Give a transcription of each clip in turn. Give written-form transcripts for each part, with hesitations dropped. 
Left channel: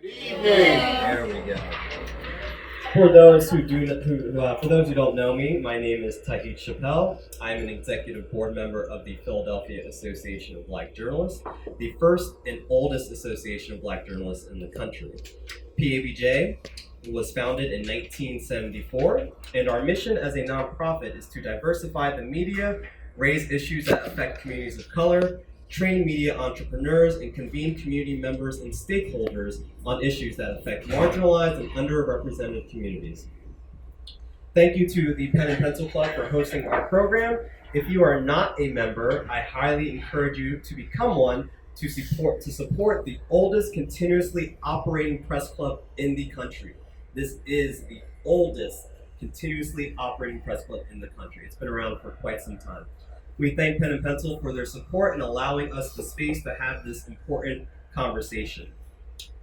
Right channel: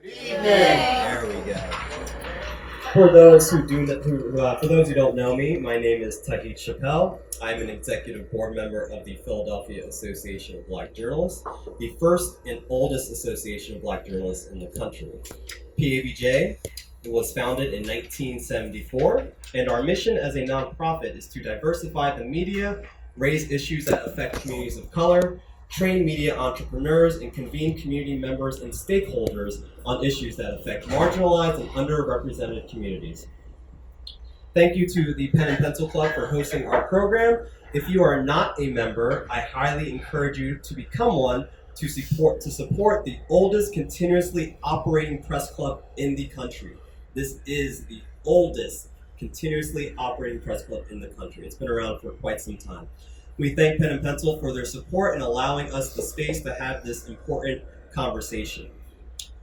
There we go. For those who don't know me, my name is Tauhid Chappell. I'm an executive board member of the Philadelphia Association of Black Journalists, the first and oldest association of black journalists in the country. PABJ was founded in 1974, and our mission as a nonprofit is to diversify the media, raise issues that affect communities of color, train media entrepreneurs, and convene community members and stakeholders on issues that affect marginalized and underrepresented communities. Thank you to the Pen and Pencil Club for hosting our program. If you are not a member, I highly encourage you to become one to support the oldest continuously operating press club in the country. This is the oldest continuously operating press club in the country. It's been around for quite some time. We thank Pen and Pencil for their support and allowing us the space to have this important conversation.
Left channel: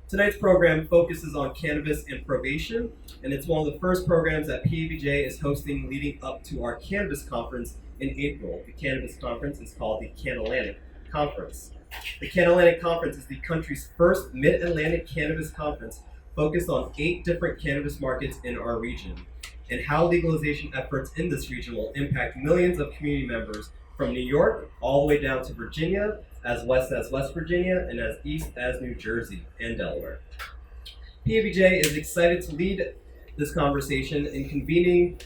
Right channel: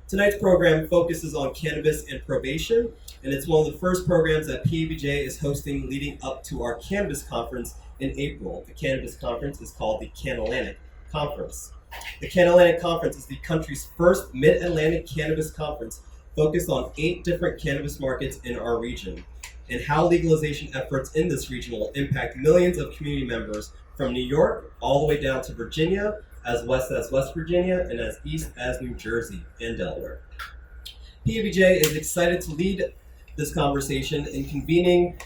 Tonight's program focuses on cannabis and probation, and it's one of the first programs that PABJ is hosting leading up to our Cannabis conference in April. The Cannabis conference is called the Can-Atlantic Conference. The Can-Atlantic Conference is the country's first mid-Atlantic cannabis conference focused on 8 different cannabis markets in our region, and how legalization efforts in this region will impact millions of community members from New York all the way down to Virginia, as west as West Virginia, and as east as New Jersey and Delaware. PABJ is excited to lead this conversation in convening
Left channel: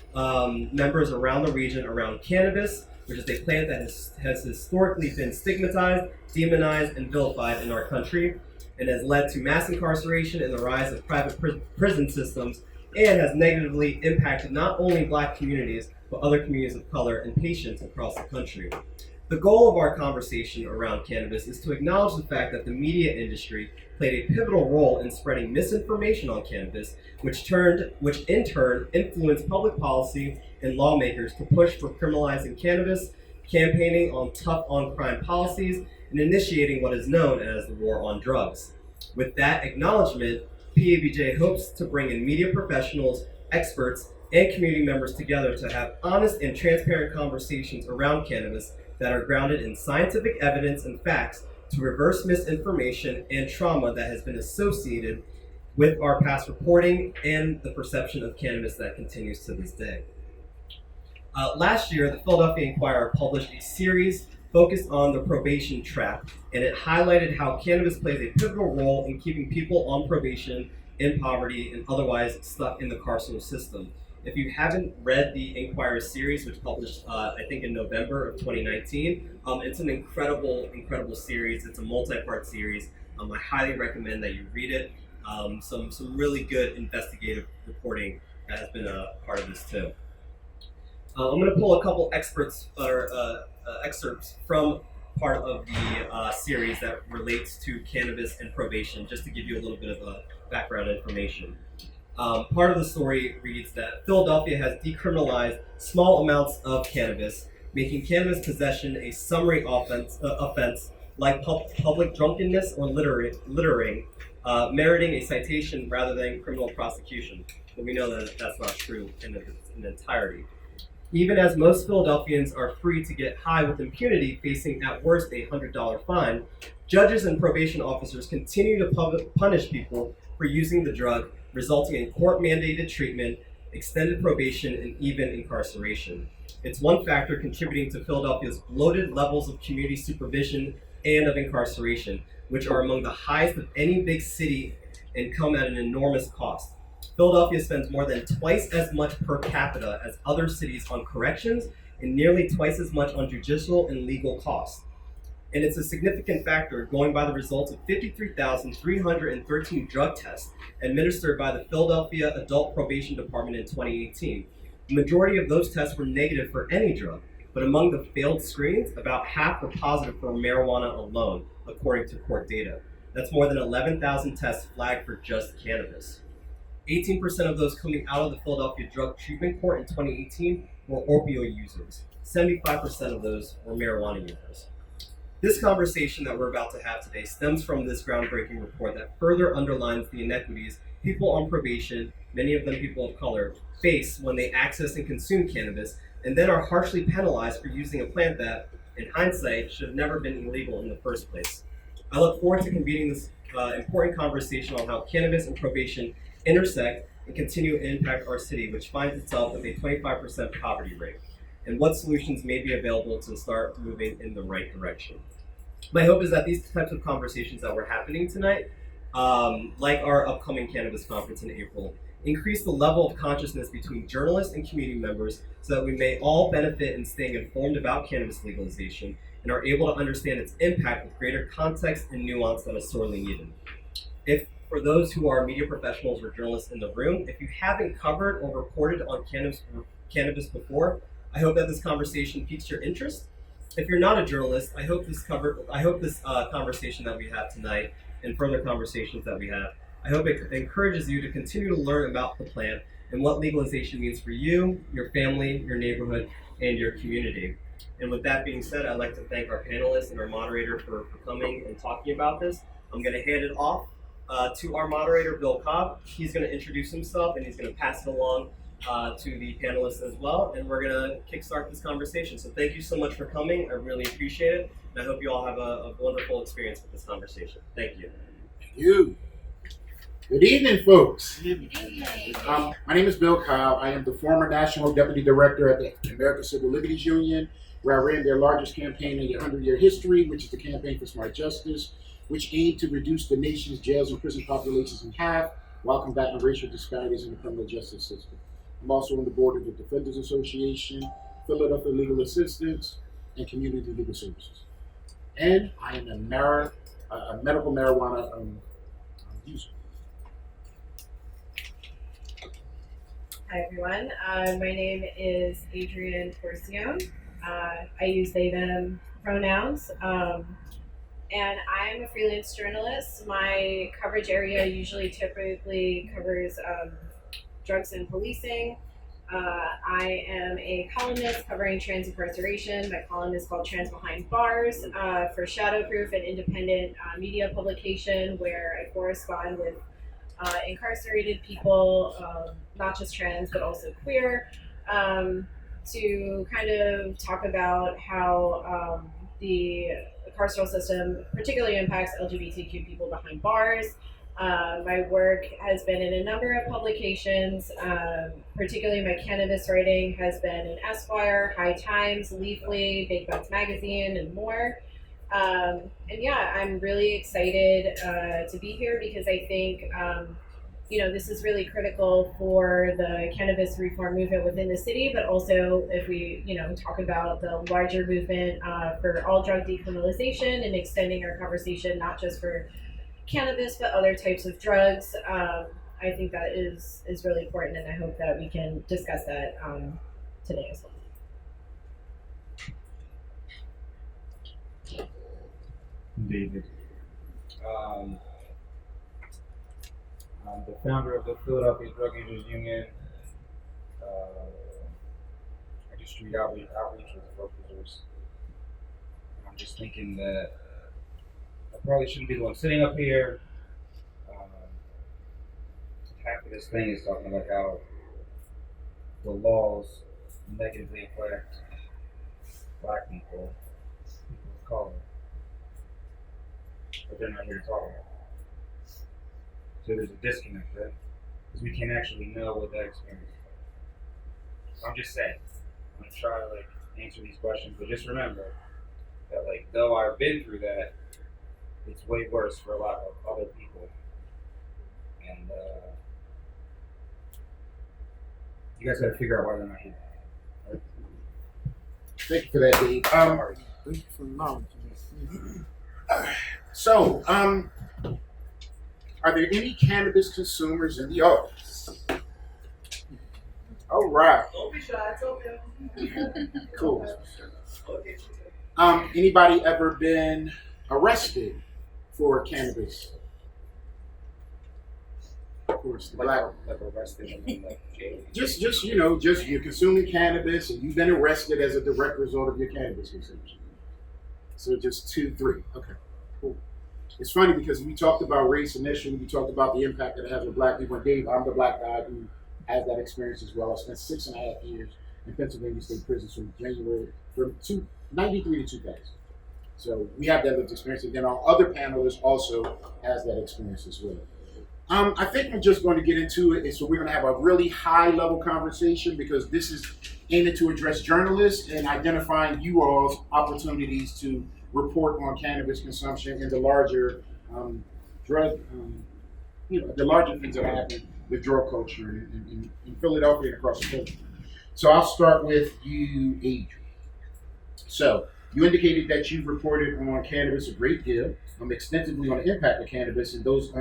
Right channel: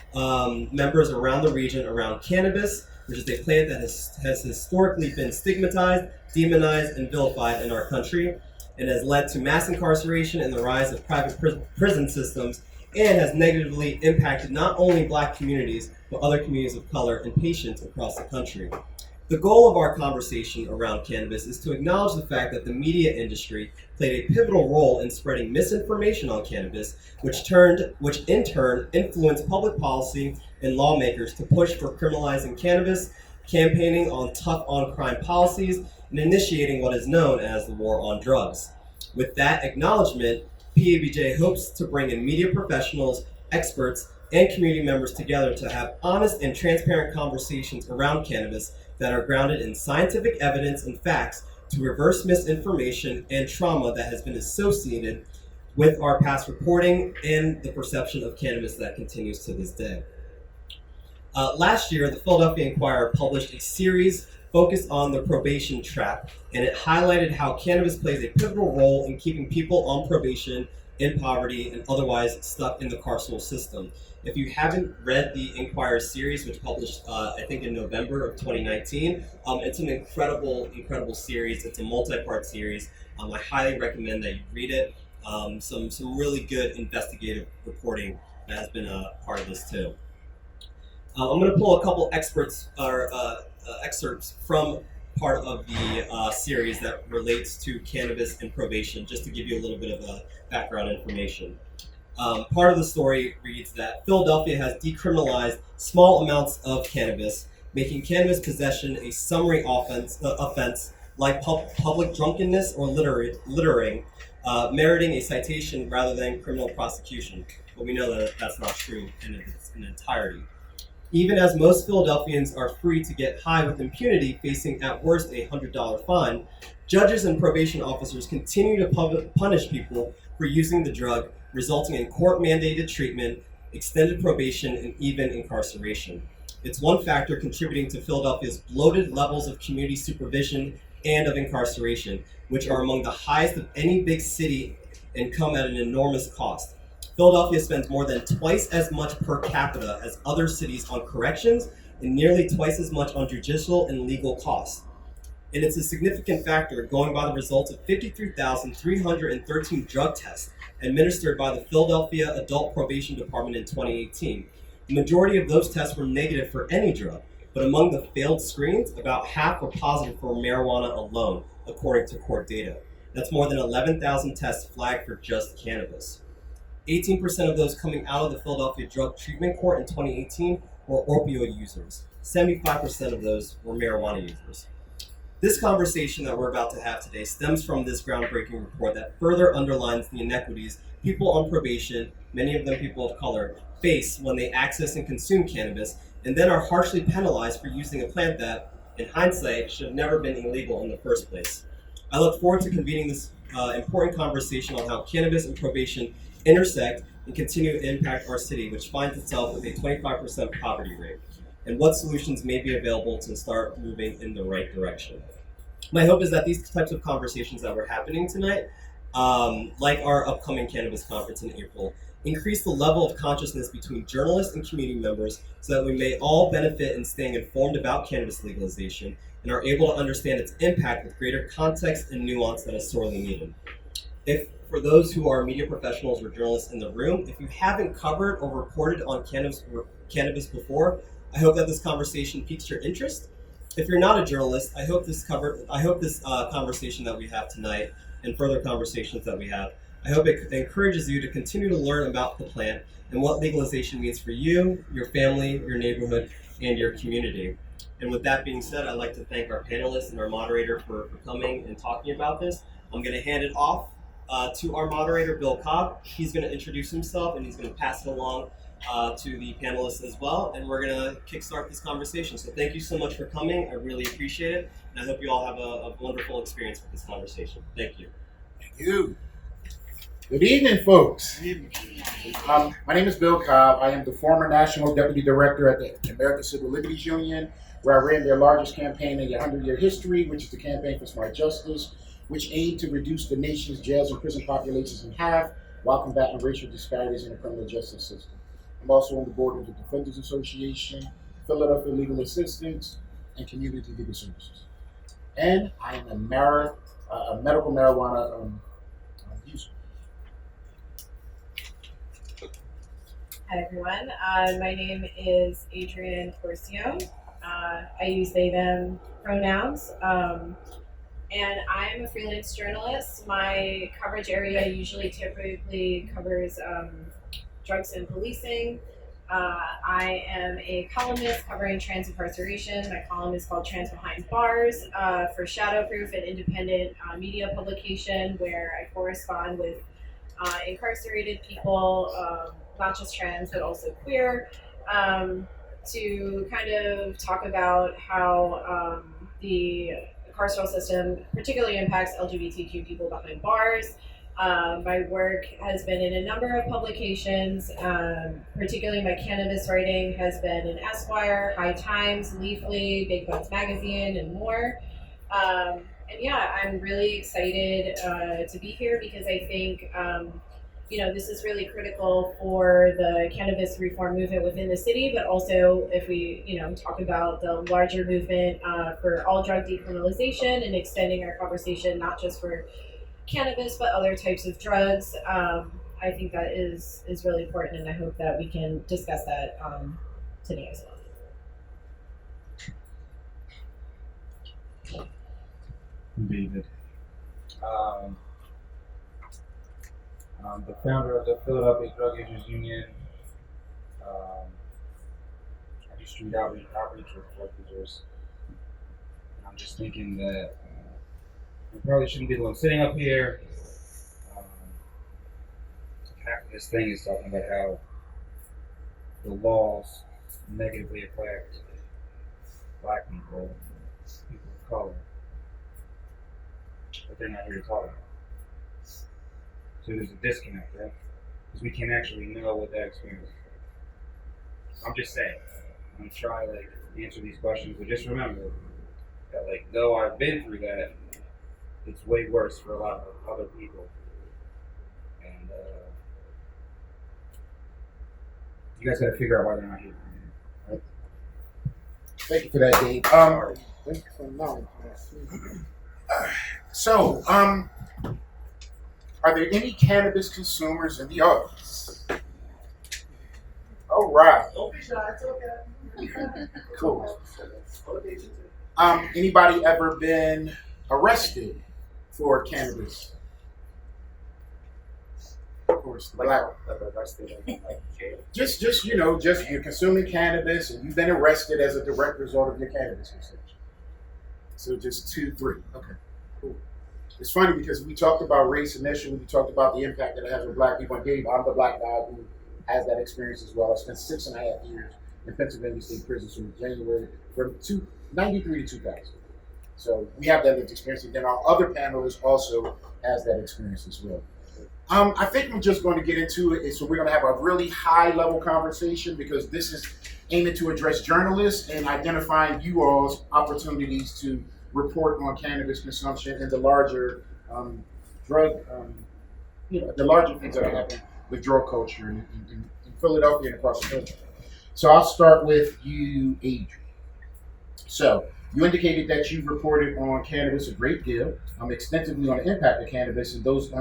members around the region around cannabis, which is a plant that has historically been stigmatized, demonized, and vilified in our country, and has led to mass incarceration and the rise of private prison systems, and has negatively impacted not only black communities, but other communities of color and patients across the country. The goal of our conversation around cannabis is to acknowledge the fact that the media industry played a pivotal role in spreading misinformation on cannabis, which in turn influenced public policy and lawmakers to push for criminalizing cannabis, campaigning on tough on crime policies, and initiating what is known as the war on drugs. With that acknowledgement, PABJ hopes to bring in media professionals, experts, and community members together to have honest and transparent conversations around cannabis that are grounded in scientific evidence and facts to reverse misinformation and trauma that has been associated with our past reporting and the perception of cannabis that continues to this day. Last year, the Philadelphia Inquirer published a series focused on the probation trap, and it highlighted how cannabis plays a pivotal role in keeping people on probation, in poverty, and otherwise stuck in the carceral system. If you haven't read the Inquirer series, which published, I think in November of 2019, it's an incredible series. It's a multi-part series. I highly recommend that you read it. Some really good investigative reporting has been a part of this too. I'm going to pull a couple excerpts from part of the series that relates to cannabis and probation, just to give you a little bit of background information. Part of the story reads that Philadelphia has decriminalized small amounts of cannabis, making cannabis possession a summary offense like public drunkenness or littering, meriting a citation rather than criminal prosecution. But we know that that's not true in its entirety. Even as most Philadelphians are free to get high with impunity, facing at worst a $100 fine, judges and probation officers continue to punish people for using the drug, resulting in court-mandated treatment, extended probation, and even incarceration. It's one factor contributing to Philadelphia's bloated levels of community supervision and of incarceration, which are among the highest of any big city and come at an enormous cost. Philadelphia spends more than twice as much per capita as other cities on corrections and nearly twice as much on judicial and legal costs. And it's a significant factor going by the results of 53,313 drug tests administered by the Philadelphia Adult Probation Department in 2018. The majority of those tests were negative for any drug, but among the failed screens, about half were positive for marijuana alone, according to court data. That's more than 11,000 tests flagged for just cannabis. 18% of those coming out of the Philadelphia Drug Treatment Court in 2018 were opioid users. 75% of those were marijuana users. This conversation that we're about to have today stems from this groundbreaking report that further underlines the inequities people on probation, many of them people of color, face when they access and consume cannabis, and then are harshly penalized for using a plant that, in hindsight, should have never been illegal in the first place. I look forward to convening this important conversation on how cannabis and probation intersect and continue to impact our city, which finds itself with a 25% poverty rate, and what solutions may be available to start moving in the right direction. My hope is that these types of conversations that were happening tonight, like our upcoming cannabis conference in April, increase the level of consciousness between journalists and community members so that we may all benefit in staying informed about cannabis legalization and are able to understand its impact with greater context and nuance that is sorely needed. If for those who are media professionals or journalists in the room, if you haven't covered or reported on cannabis before, I hope that this conversation piques your interest. If you're not a journalist, I hope this conversation that we have tonight and further conversations that we have, I hope it encourages you to continue to learn about the plant and what legalization means for you, your family, your neighborhood, and your community. And with that being said, I'd like to thank our panelists and our moderator for coming and talking about this. I'm going to hand it off to our moderator, Bill Cobb. He's going to introduce himself and he's going to pass it along to the panelists as well. And we're going to kickstart this conversation. So thank you so much for coming. I really appreciate it. And I hope you all have a wonderful experience with this conversation. Thank you. Thank you. Good evening, folks. My name is Bill Cobb. I am the former National Deputy Director at the American Civil Liberties Union, where I ran their largest campaign in their 100-year history, which is the Campaign for Smart Justice, which aimed to reduce the nation's jails and prison populations in half while combating racial disparities in the criminal justice system. I'm also on the board of the Defenders Association, Philadelphia Legal Assistance, and Community Legal Services. And I am a medical marijuana user. Hi everyone, my name is Adrienne Porcione. I use they, them pronouns, and I'm a freelance journalist. My coverage area typically covers drugs and policing. I am a columnist covering trans incarceration. My column is called Trans Behind Bars for Shadowproof, an independent media publication where I correspond with incarcerated people, not just trans, but also queer, to kind of talk about how the carceral system particularly impacts LGBTQ people behind bars. My work has been in a number of publications, particularly my cannabis writing has been in Esquire, High Times, Leafly, Big Buds Magazine, and more. And yeah, I'm really excited to be here because I think this is really critical for the cannabis reform movement within the city, but also if we talk about the larger movement for all drug decriminalization and extending our conversation not just for cannabis but other types of drugs. I think that is really important, and I hope that we can discuss that today as well. David. I'm the founder of the Philadelphia Drug Users Union. I do street outreach with drug users. I'm just thinking that I probably shouldn't be the one sitting up here. Half of this thing is talking about how the laws negatively affect Black people, people of color, but they're not here to talk about it. So there's a disconnect there, because we can't actually know what that experience is. I'm just saying, I'm gonna try to answer these questions, but just remember that though I've been through that, it's way worse for a lot of other people. And you guys gotta figure out why they're not here. Right? Thank you for that, Dave. Thank you for the knowledge. So, are there any cannabis consumers in the audience? All right. Don't be shy, it's okay. Cool. Anybody ever been arrested for cannabis? Of course, the Black. Arrested in jail. Just you're consuming cannabis and you've been arrested as a direct result of your cannabis consumption. So just 2, 3. Okay, cool. It's funny because we talked about race initially, we talked about the impact that it has on Black people. And Dave, I'm the Black guy who has that experience as well. I spent 6.5 years in Pennsylvania State Prison from 93 to 2000. So we have that lived experience, and then our other panelists also has that experience as well. I think I'm just going to get into it. So we're going to have a really high level conversation because this is aiming to address journalists and identifying you all's opportunities to report on cannabis consumption and the larger drug, the larger things that are happening with drug culture in Philadelphia and across the country. So I'll start with you, Adrian. So you indicated that you've reported on cannabis a great deal, extensively on the impact of cannabis and those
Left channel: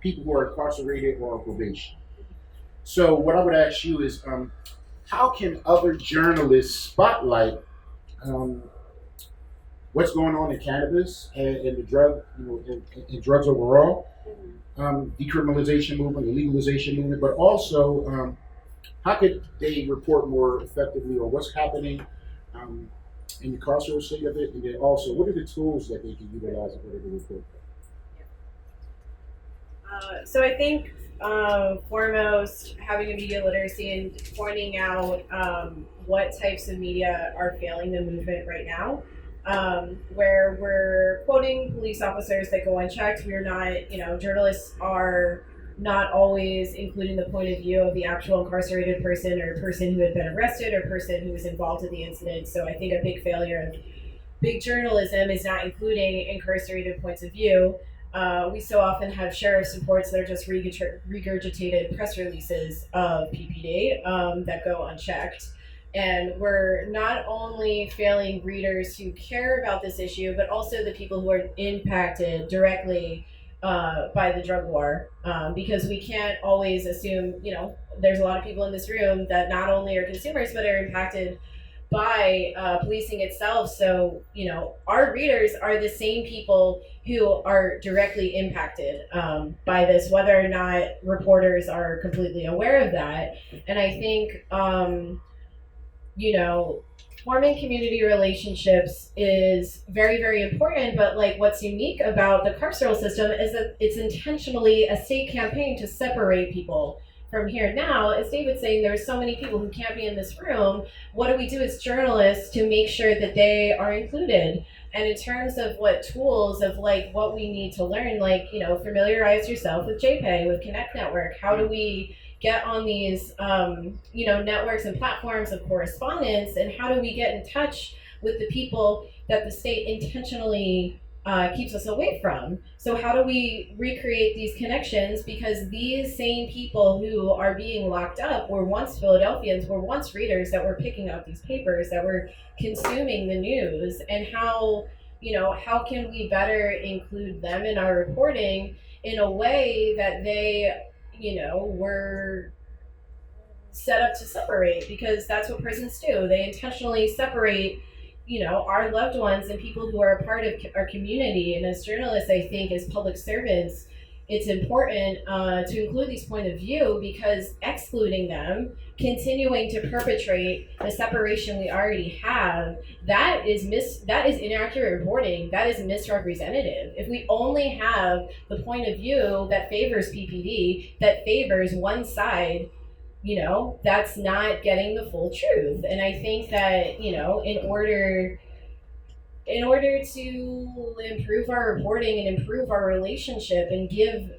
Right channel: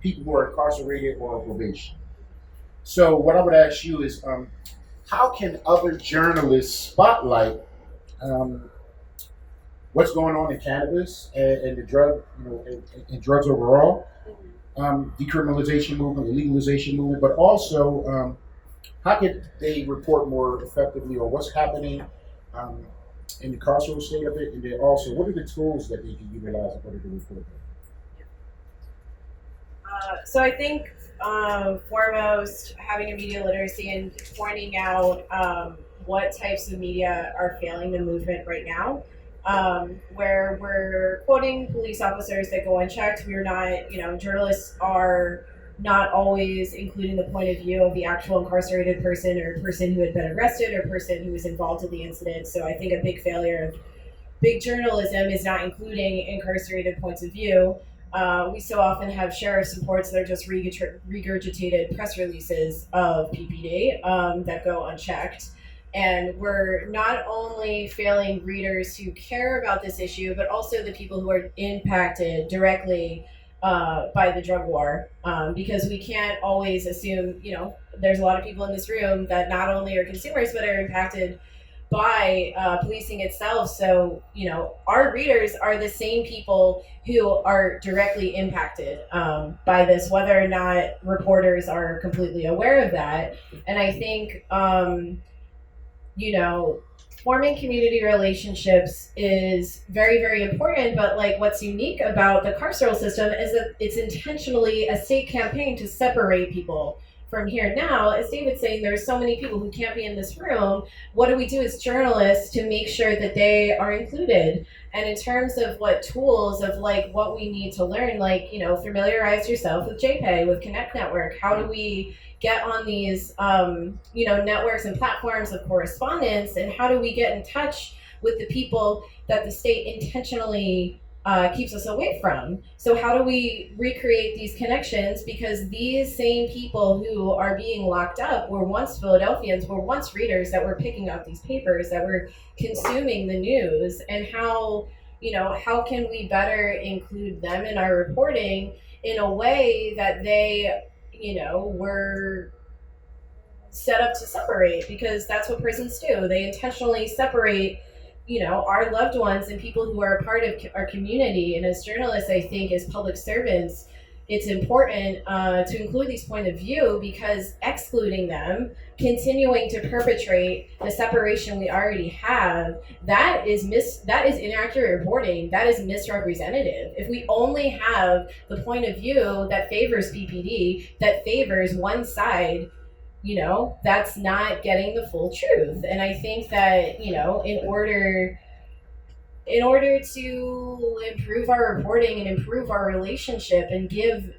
people who are incarcerated or on probation. So what I would ask you is, how can other journalists spotlight what's going on in cannabis and the drug, and drugs overall, decriminalization movement, the legalization movement, but also how could they report more effectively on what's happening in the carceral state of it, and then also what are the tools that they can utilize in order to report that? So I think foremost, having a media literacy and pointing out what types of media are failing the movement right now, where we're quoting police officers that go unchecked. We're not, journalists are not always including the point of view of the actual incarcerated person or person who had been arrested or person who was involved in the incident. So I think a big failure of big journalism is not including incarcerated points of view. We so often have sheriff's reports that are just regurgitated press releases of PPD that go unchecked. And we're not only failing readers who care about this issue, but also the people who are impacted directly by the drug war, because we can't always assume, there's a lot of people in this room that not only are consumers, but are impacted by policing itself. So, our readers are the same people who are directly impacted by this, whether or not reporters are completely aware of that. And I think, forming community relationships is very, very important, but what's unique about the carceral system is that it's intentionally a state campaign to separate people from here. Now, as David's saying, there's so many people who can't be in this room. What do we do as journalists to make sure that they are included? And in terms of what tools of what we need to learn, familiarize yourself with JPay, with Connect Network. How do we get on these, networks and platforms of correspondence, and how do we get in touch with the people that the state intentionally keeps us away from? So how do we recreate these connections? Because these same people who are being locked up were once Philadelphians, were once readers that were picking up these papers, that were consuming the news. And how can we better include them in our reporting in a way that they were set up to separate, because that's what prisons do. They intentionally separate, our loved ones and people who are a part of our community. And as journalists, I think as public servants, it's important to include these point of view, because excluding them, continuing to perpetrate the separation we already have, that is inaccurate reporting. That is misrepresentative. If we only have the point of view that favors PPD, that favors one side, that's not getting the full truth. And I think that, in order to improve our reporting and improve our relationship and give,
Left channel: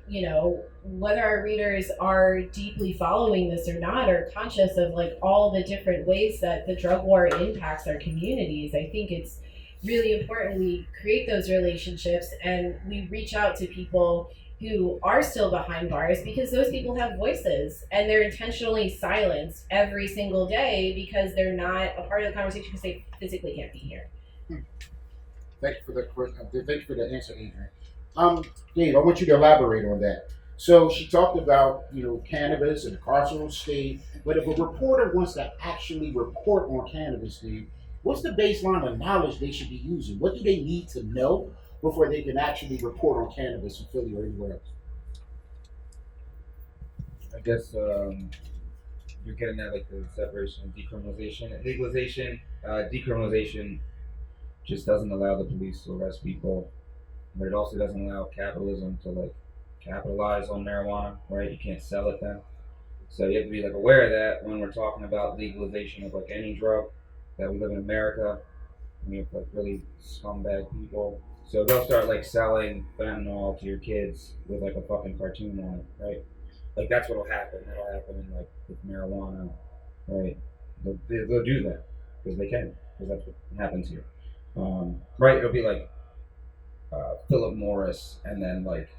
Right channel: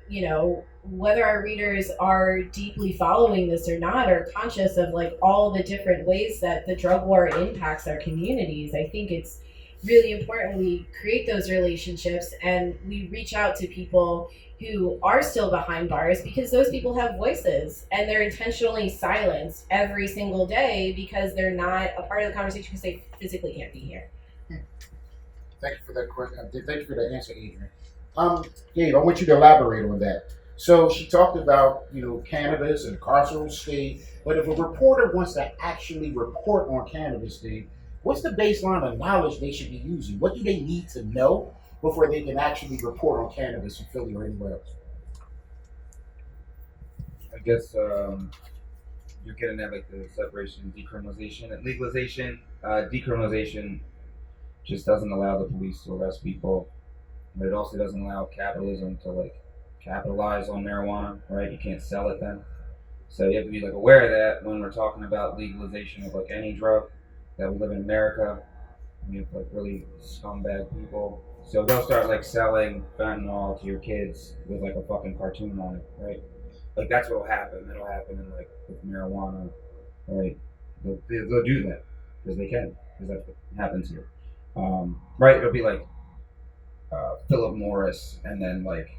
whether our readers are deeply following this or not, or conscious of all the different ways that the drug war impacts our communities, I think it's really important we create those relationships and we reach out to people who are still behind bars, because those people have voices and they're intentionally silenced every single day because they're not a part of the conversation because they physically can't be here. Thank you for that question. Thank you for the answer, Adrian. Dave, I want you to elaborate on that. So she talked about, cannabis and carceral state, but if a reporter wants to actually report on cannabis, Dave, what's the baseline of knowledge they should be using? What do they need to know before they can actually report on cannabis in Philly or anywhere else? I guess you're getting at the separation, decriminalization, and legalization. Decriminalization just doesn't allow the police to arrest people, but it also doesn't allow capitalism to capitalize on marijuana, right? You can't sell it then. So you have to be aware of that when we're talking about legalization of any drug, that we live in America. and you have like really scumbag people. So they'll start like selling fentanyl to your kids with like a fucking cartoon on it, right? Like that's what'll happen. That'll happen in like with marijuana, right? They'll do that because they can, because that's what happens here, right? It'll be like Philip Morris and then like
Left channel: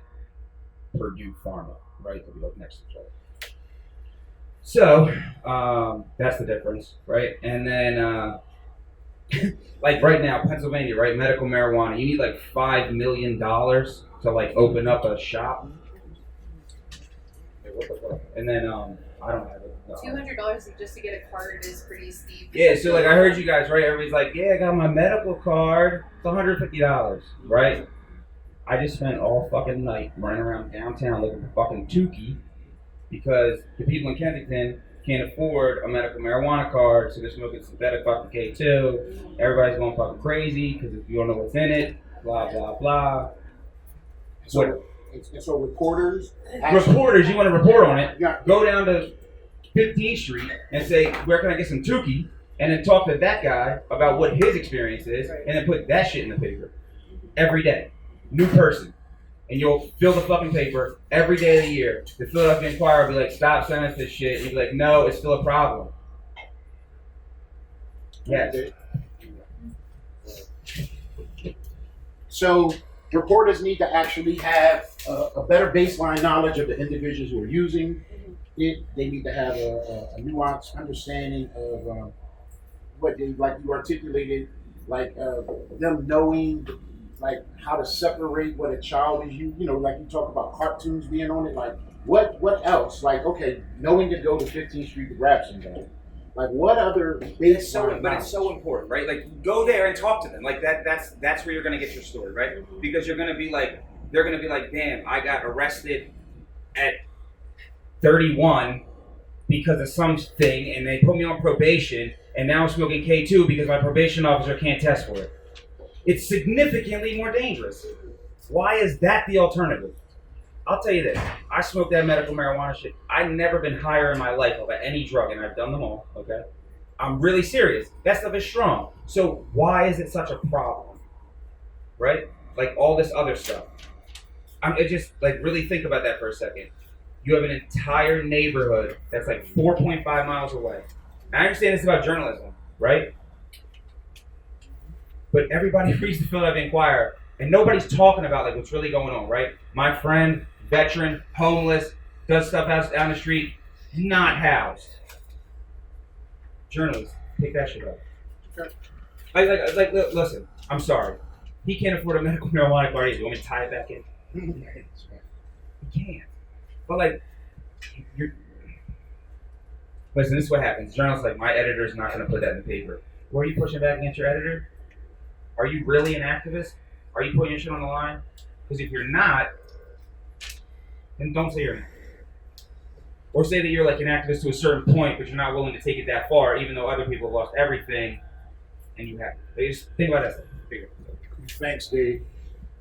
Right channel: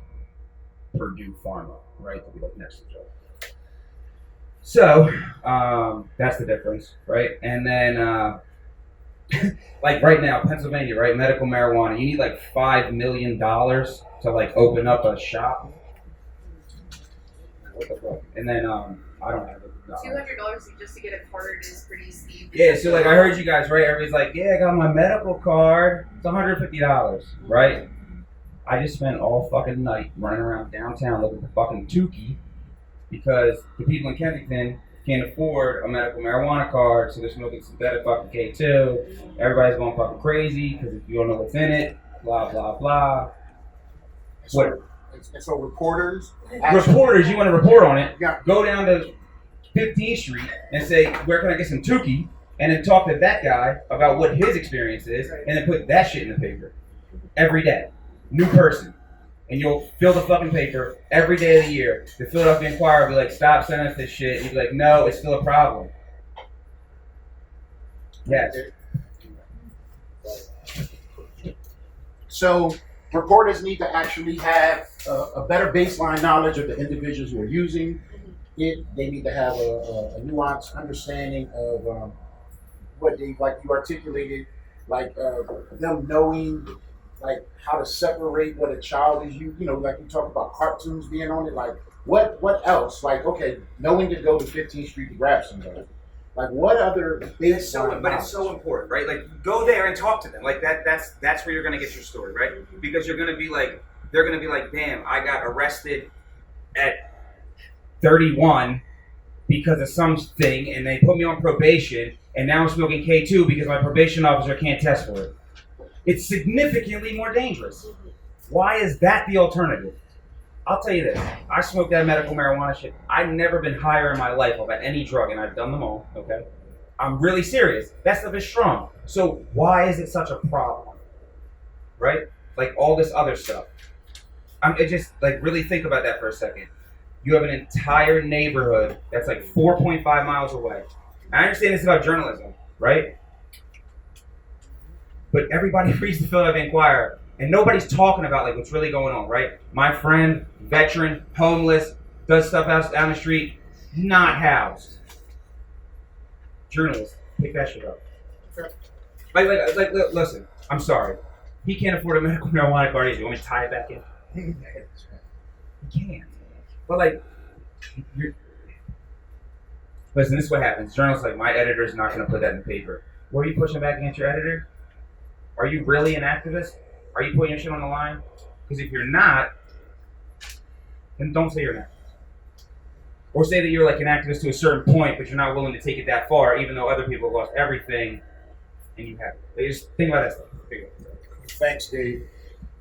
Purdue Pharma, right? They'll be like next to each other. So that's the difference, right? And then like right now, Pennsylvania, right? Medical marijuana, you need like $5 million to like open up a shop. Like, what the fuck? And then I don't have it. No. $200 just to get a card is pretty steep. Yeah, so like I heard you guys, right? Everybody's like, yeah, I got my medical card. It's $150, right? I just spent all fucking night running around downtown looking for fucking Tukey because the people in Kensington can't afford a medical marijuana card, so they're smoking synthetic fucking K2. Everybody's going fucking crazy because if you don't know what's in it, blah, blah, blah. So reporters, Reporters, you want to report on it, Yeah. go down to 15th Street and say, where can I get some Tukey? And then talk to that guy about what his experience is, and then put that shit in the paper every day. New person. And you'll fill the fucking paper every day of the year. The Philadelphia Inquirer will be like, stop sending us this shit. And you'll be like, no, it's still a problem. Yes. So reporters need to actually have a better baseline knowledge of the individuals who are using it. They need to have a nuanced understanding of what they, like you articulated, like them knowing like how to separate what a child is you know, like you talk about cartoons being on it, like what else? Like, okay, knowing to go to 15th Street to grab somebody. Like what other baseline But it's so important, right? Like go there and talk to them. Like that's where you're gonna get your story, right? Because you're gonna be like, they're gonna be like, damn, I got arrested at 31 because of something, and they put me on probation, and now I'm smoking K2 because my probation officer can't test for it. It's significantly more dangerous. Why is that the alternative? I'll tell you this. I smoked that medical marijuana shit. I've never been higher in my life about any drug, and I've done them all, okay? I'm really serious. That stuff is strong. So why is it such a problem? Right? Like all this other stuff. It just, like, really think about that for a second. You have an entire neighborhood that's like 4.5 miles away. I understand this about journalism, right? But everybody reads the Philadelphia Inquirer, and nobody's talking about like what's really going on, right? My friend, veteran, homeless, does stuff out down the street, not housed. Journalists, pick that shit up. Like, listen, I'm sorry. He can't afford a medical marijuana card either. You want me to tie it back in? He can't. But like, listen, this is what happens. Journalists like, my editor's not going to put that in the paper. Where are you pushing back against your editor? Are you really an activist? Are you putting your shit on the line? Because if you're not, then don't say you're an activist. Or say that you're like an activist to a certain point, but you're not willing to take it that far, even though other people have lost everything, and you haven't. They just think about that stuff. Thanks, Dave.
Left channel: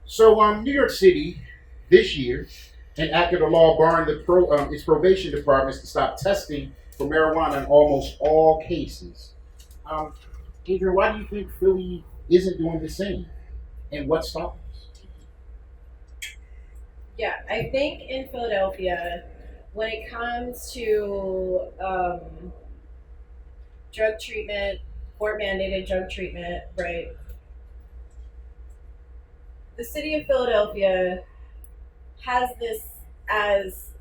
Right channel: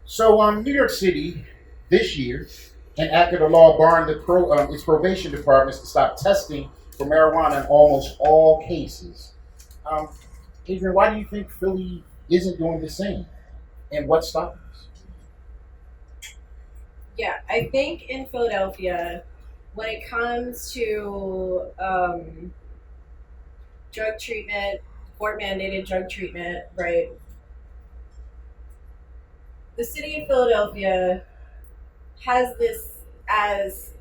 So, New York City this year enacted a law barring its probation departments to stop testing for marijuana in almost all cases. Adrian, why do you think Philly isn't doing the same? And what's stopping us? Yeah, I think in Philadelphia, when it comes to drug treatment, court-mandated drug treatment, right? The city of Philadelphia has this as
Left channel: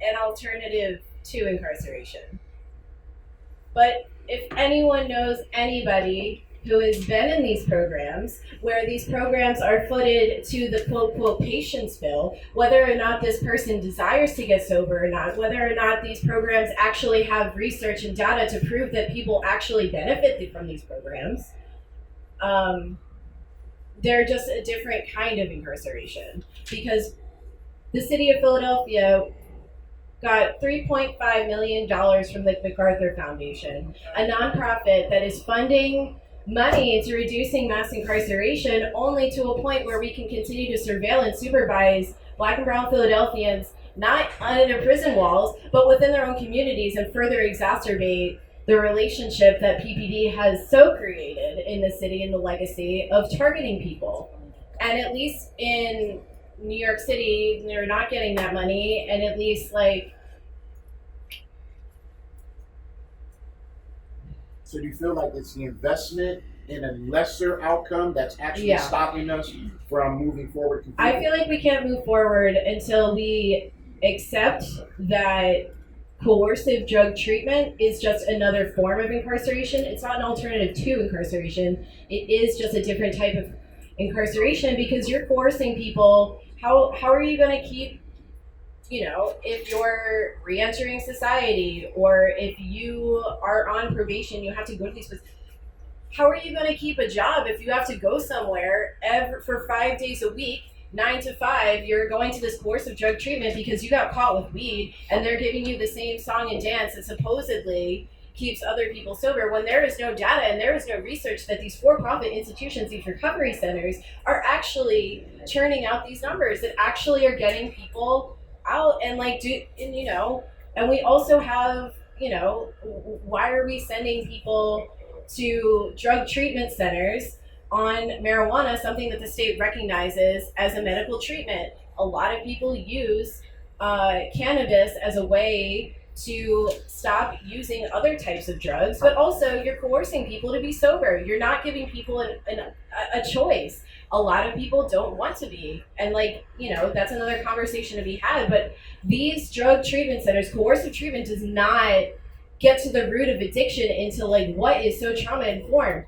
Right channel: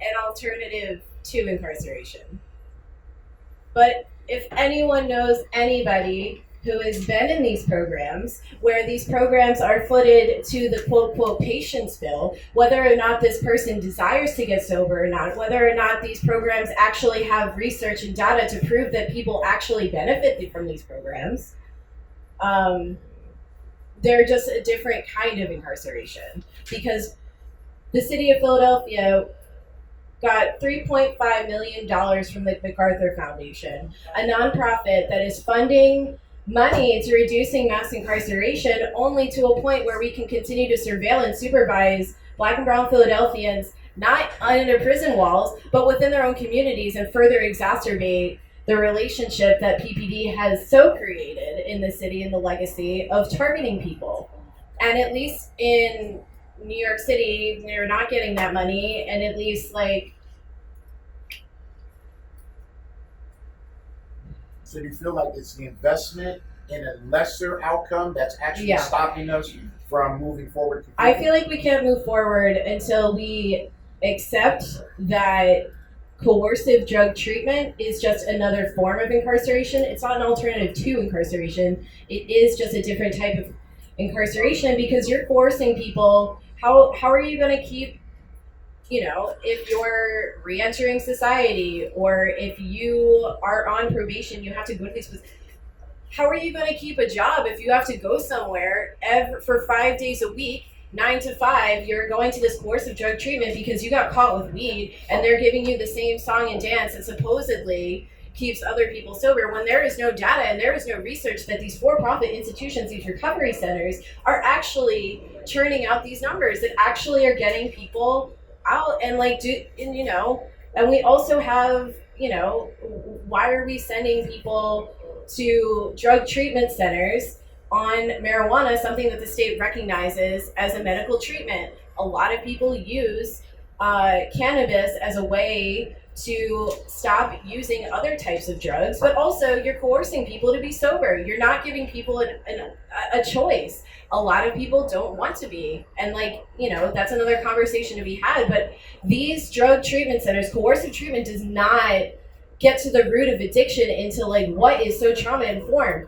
an alternative to incarceration. But if anyone knows anybody who has been in these programs, where these programs are footed to the quote patient's bill, whether or not this person desires to get sober or not, whether or not these programs actually have research and data to prove that people actually benefit from these programs, they're just a different kind of incarceration. Because the city of Philadelphia got $3.5 million from the MacArthur Foundation, a nonprofit that is funding money into reducing mass incarceration, only to a point where we can continue to surveil and supervise Black and brown Philadelphians, not under prison walls, but within their own communities, and further exacerbate the relationship that PPD has so created in the city and the legacy of targeting people. And at least in New York City, they're not getting that money, and at least like. So do you feel like it's the investment in a lesser outcome that's actually stopping us from moving forward? I feel like we can't move forward until we accept that coercive drug treatment is just another form of incarceration. It's not an alternative to incarceration. It is just a different type of incarceration because you're forcing people. How are you going to keep, if you're re-entering society or if you are on probation, you have to go to these places. How are you going to keep a job if you have to go somewhere for 5 days a week, 9 to 5, you're going to this course of drug treatment because you got caught with weed and they're giving you the same song and dance that supposedly keeps other people sober when there is no data and there is no research that these for-profit institutions, these recovery centers, are actually churning out these numbers that actually are getting people out and and we also have, why are we sending people to drug treatment centers on marijuana, something that the state recognizes as a medical treatment? A lot of people use cannabis as a way to stop using other types of drugs, but also you're coercing people to be sober. You're not giving people a choice. A lot of people don't want to be, and that's another conversation to be had, but these drug treatment centers, coercive treatment does not get to the root of addiction into what is so trauma informed.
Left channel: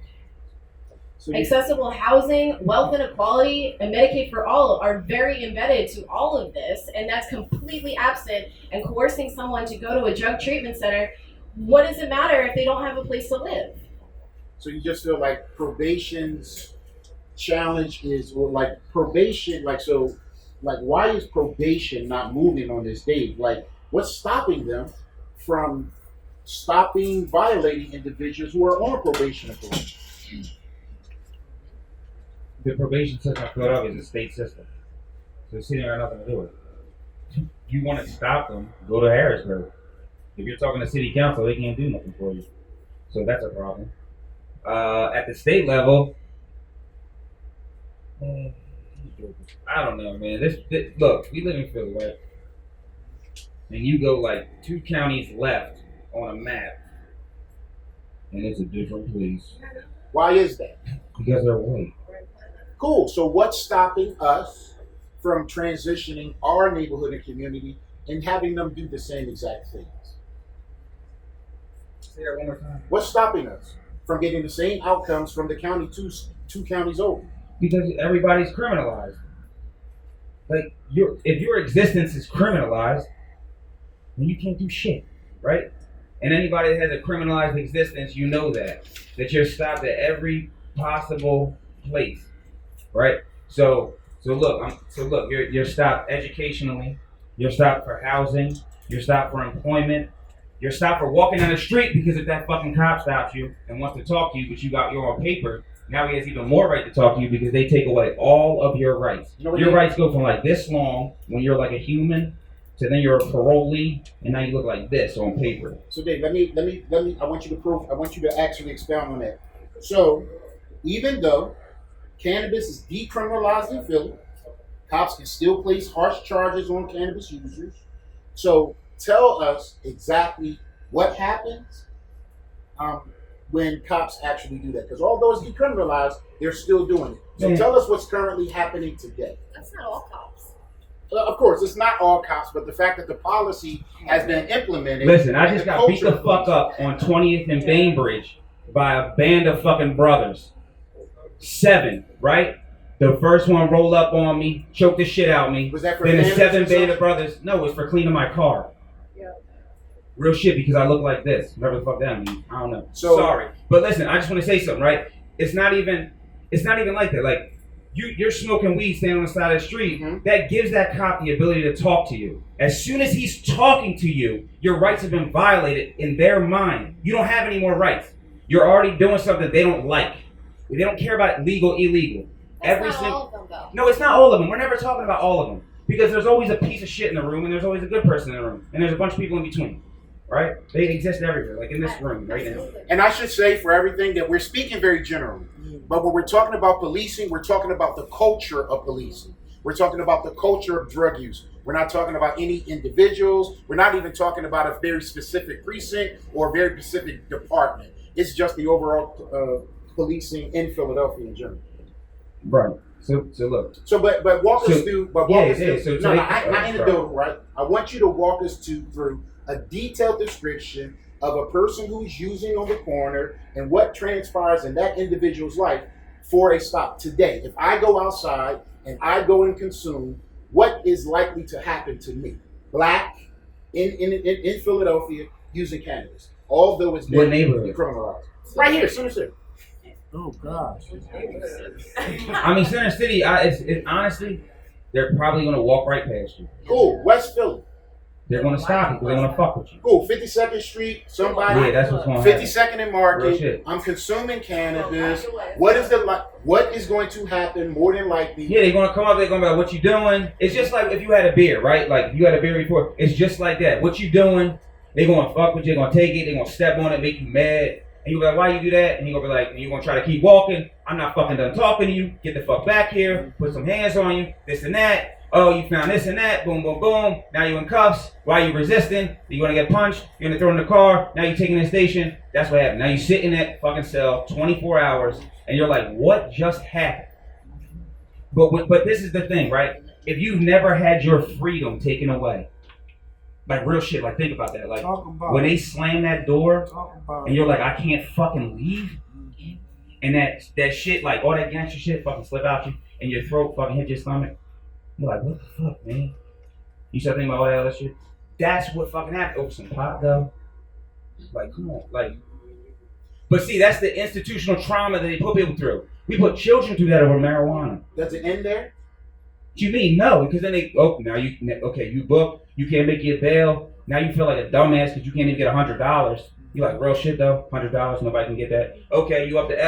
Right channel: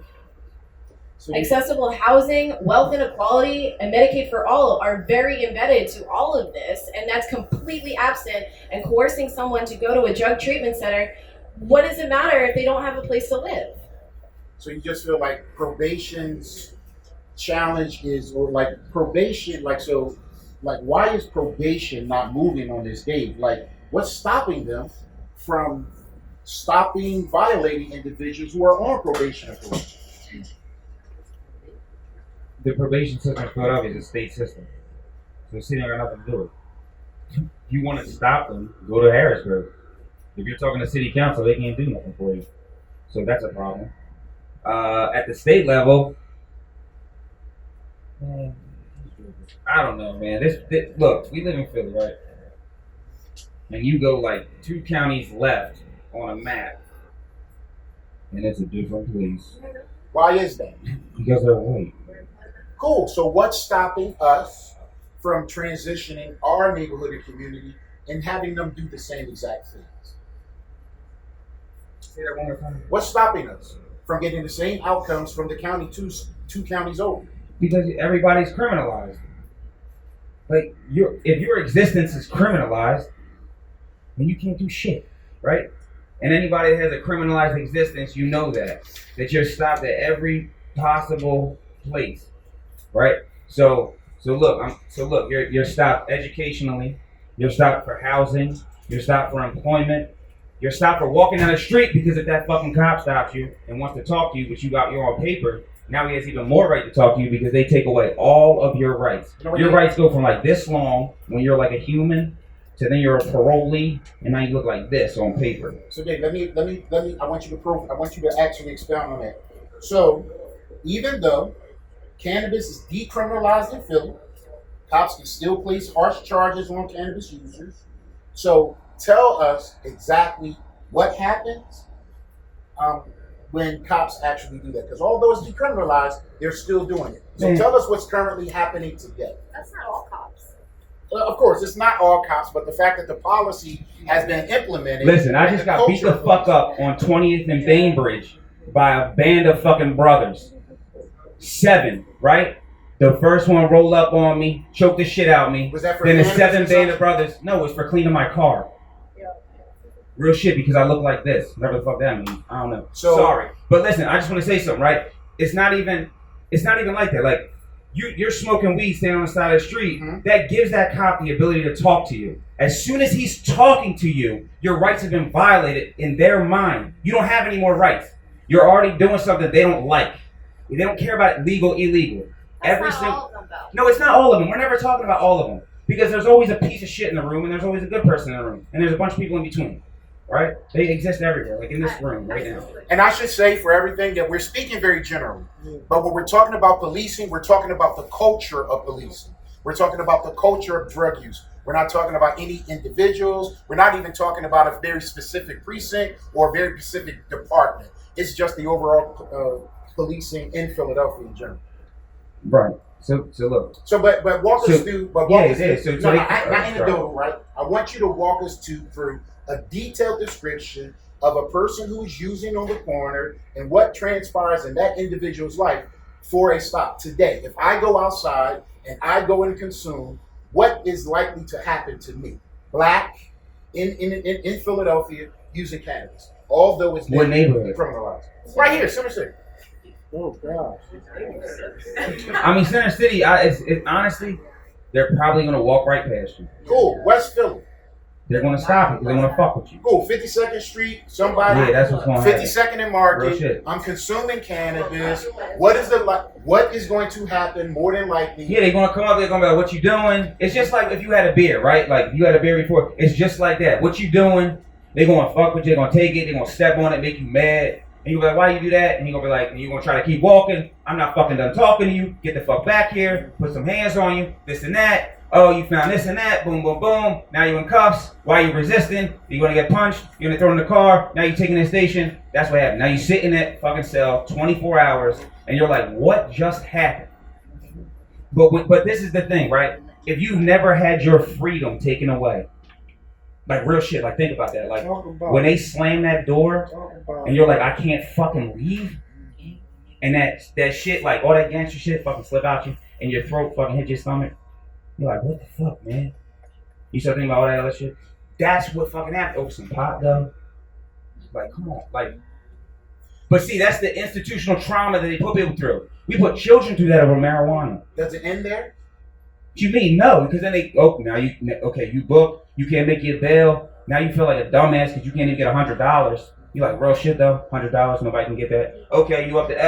Accessible housing, wealth inequality, and Medicaid for all are very embedded to all of this, and that's completely absent. And coercing someone to go to a drug treatment center, what does it matter if they don't have a place to live? So you just feel like probation's challenge is, or probation, why is probation not moving on this date? What's stopping them from stopping violating individuals who are on probation authority? The probation system in Philadelphia is a state system. So the city don't got nothing to do with it. If you want to stop them, go to Harrisburg. If you're talking to city council, they can't do nothing for you. So that's a problem. At the state level, I don't know, man. This look, we live in Philly, right? And you go 2 counties left on a map, and it's a different place. Why is that? Because they're white. Cool. So what's stopping us from transitioning our neighborhood and community and having them do the same exact things? Say that one more time. What's stopping us from getting the same outcomes from the county two counties over? Because everybody's criminalized. If your existence is criminalized, then you can't do shit, right? And anybody that has a criminalized existence, you know that you're stopped at every possible place, right? So look, you're stopped educationally, you're stopped for housing, you're stopped for employment, you're stopped for walking down the street because if that fucking cop stops you and wants to talk to you, but you got your own paper, now he has even more right to talk to you because they take away all of your rights. Your rights go from this long when you're a human to then you're a parolee and now you look like this on paper. So Dave, let me I want you to actually expound on that. So even though cannabis is decriminalized in Philly, cops can still place harsh charges on cannabis users. So tell us exactly what happens when cops actually do that. Because although it's decriminalized, they're still doing it. So tell us what's currently happening today. That's not all cops. Of course, it's not all cops, but the fact that the policy has been implemented. Listen, I just got beat the fuck up on 20th and Bainbridge by a band of fucking brothers. 7, right? The first one rolled up on me, choked the shit out of me. Was that for then the cannabis 7 or band of something? brothers. No, it was for cleaning my car. Real shit, because I look like this. Whatever the fuck that means. I don't know. So- Sorry. But listen, I just want to say something, right? It's not even like that. You're smoking weed standing on the side of the street. Mhm. That gives that cop the ability to talk to you. As soon as he's talking to you, your rights have been violated in their mind. You don't have any more rights. You're already doing something they don't like. They don't care about legal, illegal. That's not all of them, though. No, it's not all of them. We're never talking about all of them. Because there's always a piece of shit in the room, and there's always a good person in the room. And there's a bunch of people in between. right? They exist everywhere, like in this room right now. And I should say for everything that we're speaking very generally, but when we're talking about policing, we're talking about the culture of policing. We're talking about the culture of drug use. We're not talking about any individuals. We're not even talking about a very specific precinct or a very specific department. It's just the overall policing in Philadelphia in general. Right. So look. So, but walk us through. But walk us through. So No, not anecdotal, right? I want you to walk us through a detailed description of a person who's using on the corner and what transpires in that individual's life for a stop today. If I go outside and I go and consume, what is likely to happen to me? Black in Philadelphia using cannabis, although it's What neighborhood? decriminalized. Right here, Center City. Oh gosh. I mean, Center City. It's honestly, they're probably gonna walk right past you. Cool. West Philly. They're gonna stop you because they're gonna fuck with you. Cool. 52nd Street. Somebody. Yeah, that's what's going to happen. 52nd and Real Market. shit. I'm consuming cannabis. What is going to happen more than likely? Yeah, they're gonna come up. They're gonna be like, "What you doing?" It's just like if you had a beer, right? Like if you had a beer before. It's just like that. What you doing? They're gonna fuck with you. They're gonna take it. They're gonna step on it, make you mad. And you'll be like, "Why you do that?" And you're gonna be like, and you're gonna try to keep walking. I'm not fucking done talking to you. Get the fuck back here. Put some hands on you. This and that. Oh, you found this and that. Boom, boom, boom. Now you're in cuffs. Why are you resisting? You're gonna get punched. You're gonna throw in the car. Now you're taking the station. That's what happened. Now you sit in that fucking cell 24 hours, and you're like, "What just happened?" But this is the thing, right? If you've never had your freedom taken away, like real shit, like think about that. Like when they slam that door, and you're like, "I can't fucking leave," and that shit, like all that gangster shit, fucking slip out you, and your throat fucking hit your stomach. You're like, what the fuck, man? You start thinking about all that other shit. That's what fucking happened. Over some pot, though. Like, come on, like. But see, that's the institutional trauma that they put people through. We put children through that over marijuana. Does it end there? What you mean no? Because then you book, you can't make your bail. Now you feel like a dumbass because you can't even get $100. You like real shit though, $100, nobody can get that. Okay, you up to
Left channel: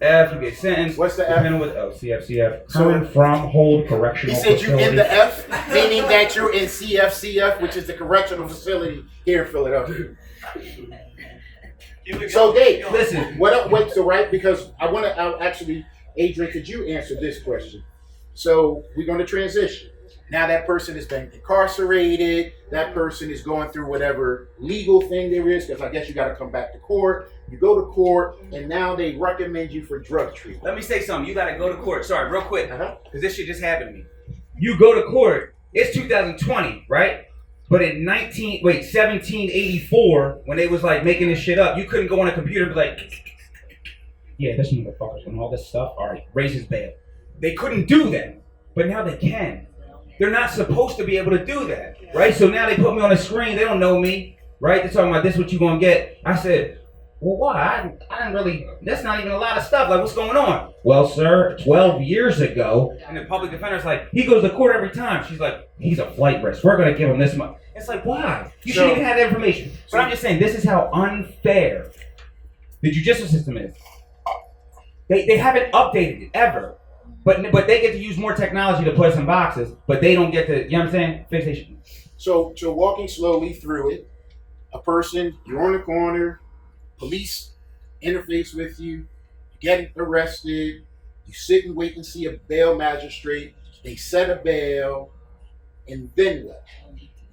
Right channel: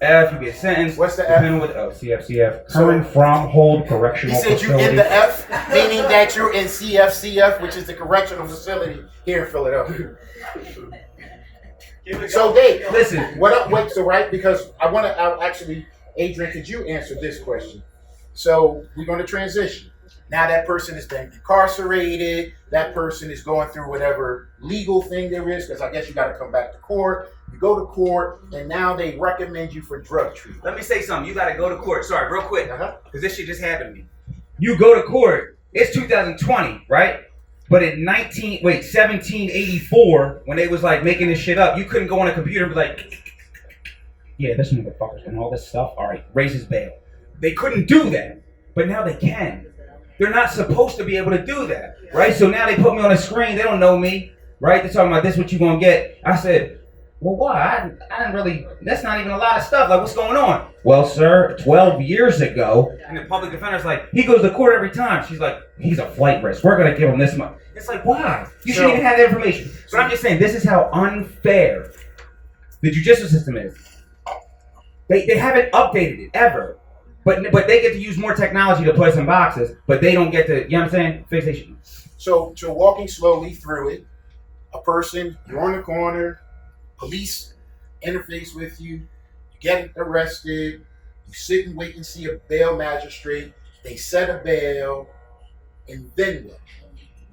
F, you get sentenced. What's the F? Depending with CF. Current from hold correctional He said facility. you in the F, meaning that you're in CF, which is the correctional facility here in Philadelphia. So Dave, Listen. what up? Wait, so right, because I'll actually, Adrian, could you answer this question? So we're going to transition. Now that person has been incarcerated. That person is going through whatever legal thing there is, because I guess you got to come back to court. You go to court, and now they recommend you for drug treatment. Let me say something. You got to go to court. Sorry, real quick, Uh-huh. because this shit just happened to me. You go to court. It's 2020, right? But in 1784, when they was like making this shit up, you couldn't go on a computer and be like, yeah, this motherfucker's and all this stuff. All right, raise his bail. They couldn't do that, but now they can. They're not supposed to be able to do that, right? So now they put me on a screen. They don't know me, right? They're talking about this, what you gonna get. I said, well, why? I didn't really, that's not even a lot of stuff. Like, what's going on? Well, sir, 12 years ago, and the public defender's like, he goes to court every time. She's like, he's a flight risk. We're gonna give him this much. It's like, why? You shouldn't even have that information. But I'm just saying, this is how unfair the judicial system is. They haven't updated it ever. But they get to use more technology to play some boxes, but they don't get to, you know what I'm saying? Fixation. So walking slowly through it, a person, you're on the corner, police interface with you, you get arrested, you sit and wait and see a bail magistrate, they set a bail, and then what?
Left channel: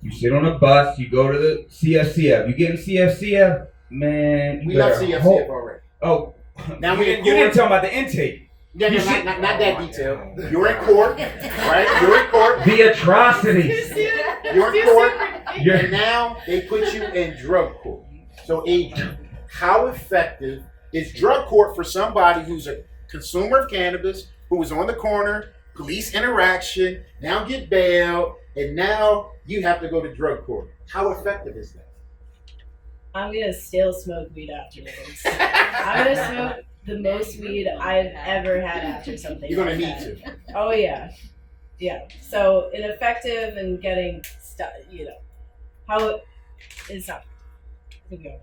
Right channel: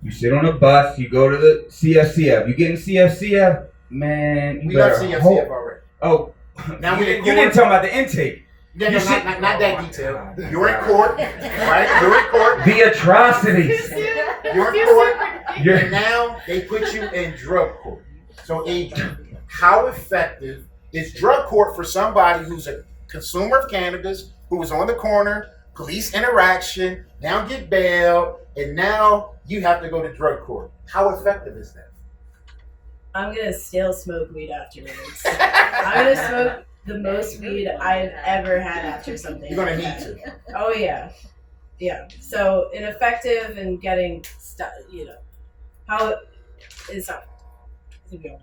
You sit on a bus, you go to the CFCF. You get in CFCF, man. We left CFCF already. Oh, Now you didn't tell me about the intake. No, not that detail. You're in court, right? You're in court. The atrocities. You're in court, and now they put you in drug court. So, Adrian, how effective is drug court for somebody who's a consumer of cannabis, who was on the corner, police interaction, now get bail, and now you have to go to drug court? How effective is that? I'm gonna still smoke weed afterwards. I'm gonna smoke the most weed I've ever had after something. You're gonna like need that. to. Oh yeah. So ineffective and getting stuff. How is that? I think we all know.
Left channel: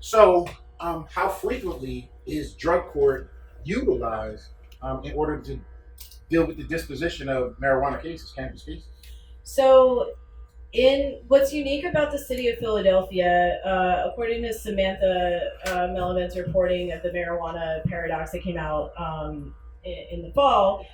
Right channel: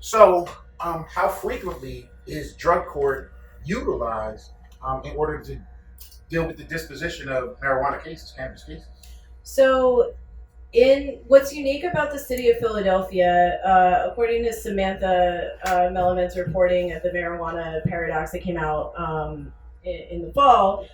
So, how frequently is drug court utilized in order to deal with the disposition of marijuana cases, cannabis cases? So In what's unique about the city of Philadelphia, according to Samantha Melliman's reporting of the marijuana paradox that came out in the fall,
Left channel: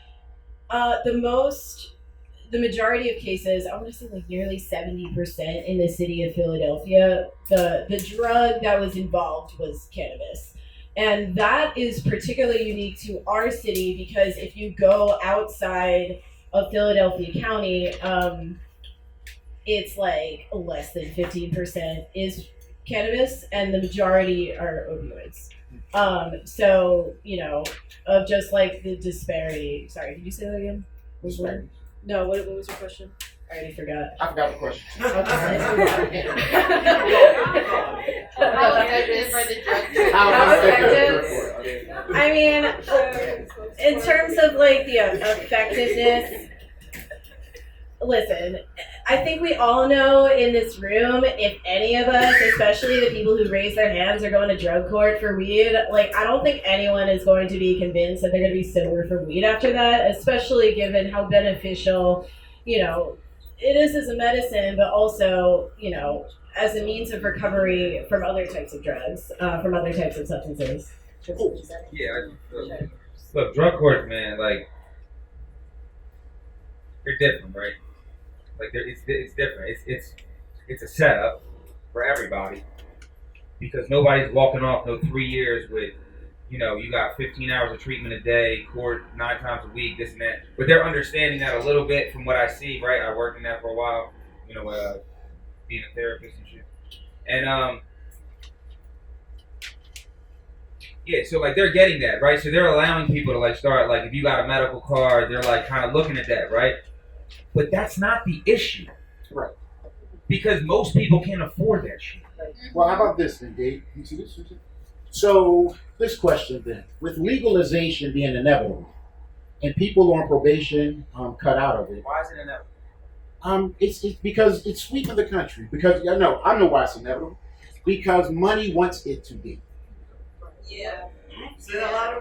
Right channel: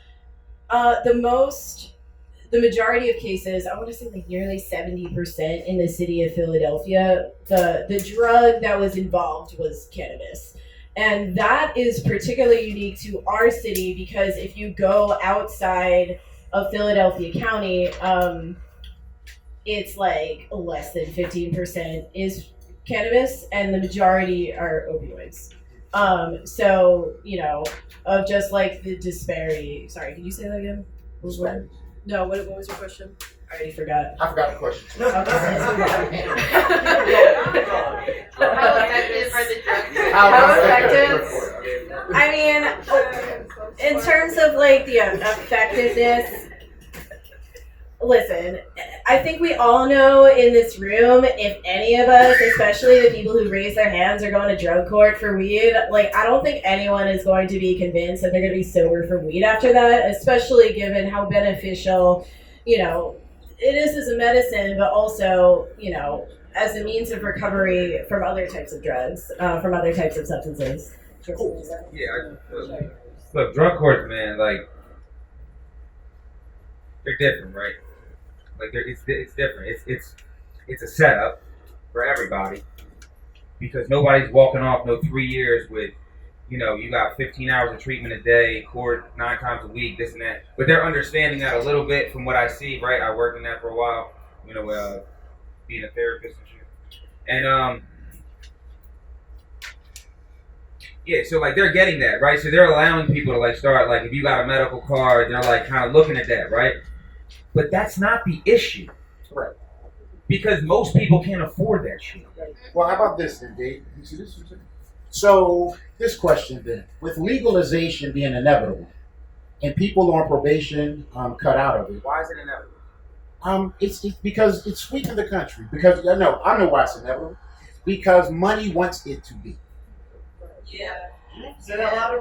the majority of cases, I want to say like nearly 70% in the city of Philadelphia, the drug that was involved was cannabis. And that is particularly unique to our city because if you go outside of Philadelphia County, it's like less than 15% is cannabis and the majority are opioids. So, of just like the disparity. Sorry, could you say that again? Disparity. No, what was your question? I already forgot. I forgot the question. How effective are the drugs? How effective? I mean, in terms of like the effectiveness, listen, I think we all know in this room, if any of us, especially the people who raise their hands, are going to drug court for weed, like I don't think anyone is going to be convinced that they're going to be sober from weed after that, especially given how beneficial, it is as a medicine, but also, as a means of recovery from other types of drugs, from other types of substances. Yeah, look, drug courts, man, like, they're different, right? Like, it's different. It's a setup for everybody because nobody's walking off no 3 years with, you got 15 hours of treatment a day, court 9 times a week, this and that. But they're understanding that a little bit from what I see, right? I worked in that for a while, being a therapist and shit. And, yeah, so like they're getting that, right? So they're allowing people to like start, like if you got a medical card, they're like kind of looking at that, right? But that's not the issue. Right. Because most people can't afford that shit. Well, how about this then, Dave? You see this? So, this question then. With legalization being inevitable and people on probation cut out of it. Why is it inevitable? It's because it's sweeping the country. Because, I know why it's inevitable. Because money wants it to be. Yeah.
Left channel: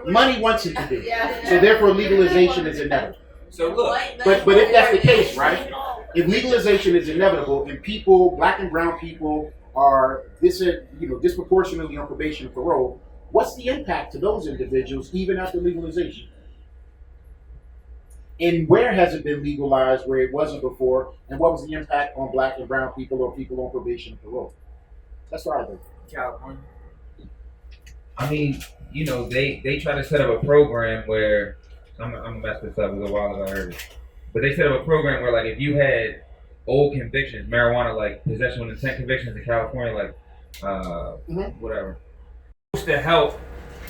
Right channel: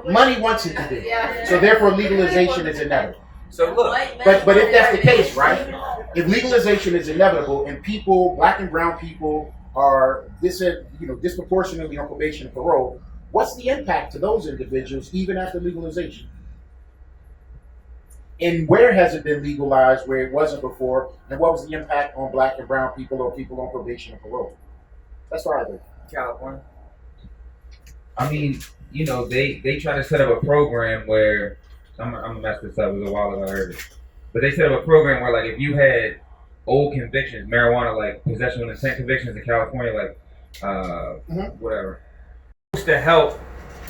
Money wants it to be. So, therefore, legalization is inevitable. So, look. But if that's the case, right? If legalization is inevitable and people, black and brown people, are disproportionately on probation and parole, what's the impact to those individuals even after legalization? And where has it been legalized where it wasn't before? And what was the impact on black and brown people or people on probation and parole? That's what I think. California. I mean, they try to set up a program where I'm gonna mess this up. It was a while ago I heard it, but they set up a program where like if you had old convictions, marijuana, like possession with intent convictions in California, like whatever, supposed to help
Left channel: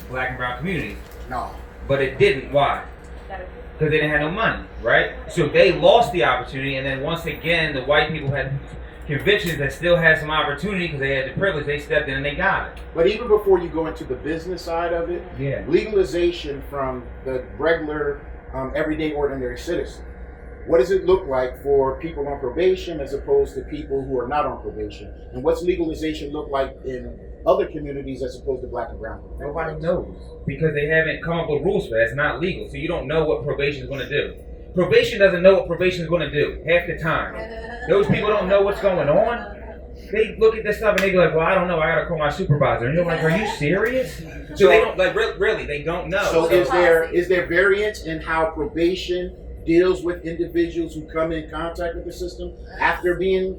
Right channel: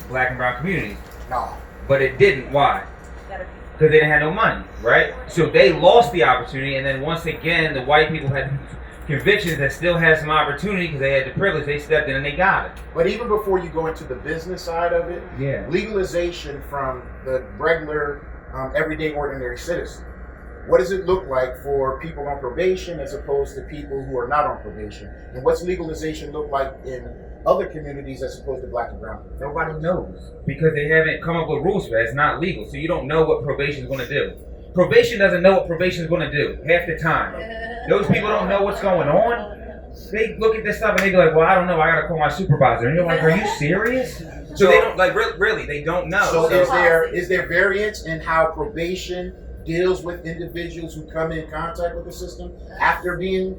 black and brown communities. No. But it didn't. Why? Because they didn't have no money, right? So they lost the opportunity, and then once again, the white people had convictions that still had some opportunity because they had the privilege. They stepped in and they got it. But even before you go into the business side of it, Yeah. legalization from the regular, everyday, ordinary citizen. What does it look like for people on probation as opposed to people who are not on probation? And what's legalization look like in other communities as opposed to black and brown people? Nobody knows because they haven't come up with rules for it. It's not legal, so you don't know what probation is going to do. Probation doesn't know what probation is going to do half the time. Those people don't know what's going on. They look at this stuff and they be like, "Well, I don't know. I got to call my supervisor." And you're like, "Are you serious?" So they don't like really. They don't know. So is there variance in how probation deals with individuals who come in contact with the system after being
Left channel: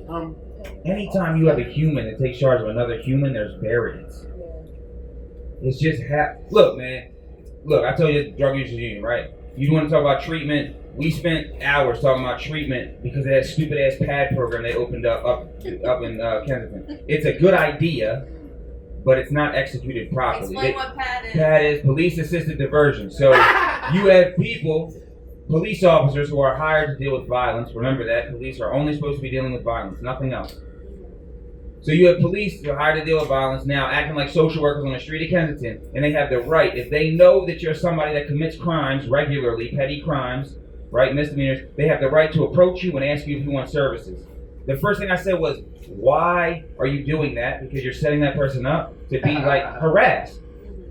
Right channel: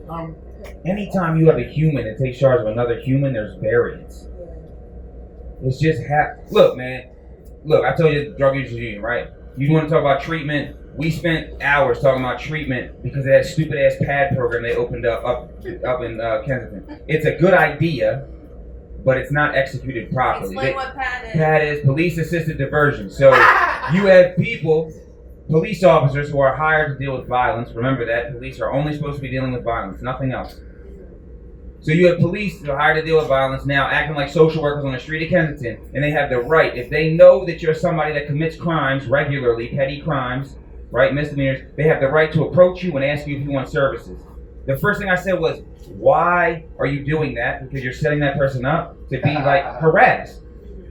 Anytime you have a human that takes charge of another human, there's variance. It's just look, man. Look, I told you the drug users union, right? You want to talk about treatment? We spent hours talking about treatment because of that stupid ass PAD program they opened up in Kensington. It's a good idea, but it's not executed properly. Explain what PAD is. PAD is police assisted diversion. So you have police officers who are hired to deal with violence. Remember that police are only supposed to be dealing with violence, nothing else. So you have police who are hired to deal with violence now acting like social workers on the street of Kensington, and they have the right, if they know that you're somebody that commits crimes regularly, petty crimes, right, misdemeanors, they have the right to approach you and ask you if you want services. The first thing I said was, why are you doing that? Because you're setting that person up to be like harassed.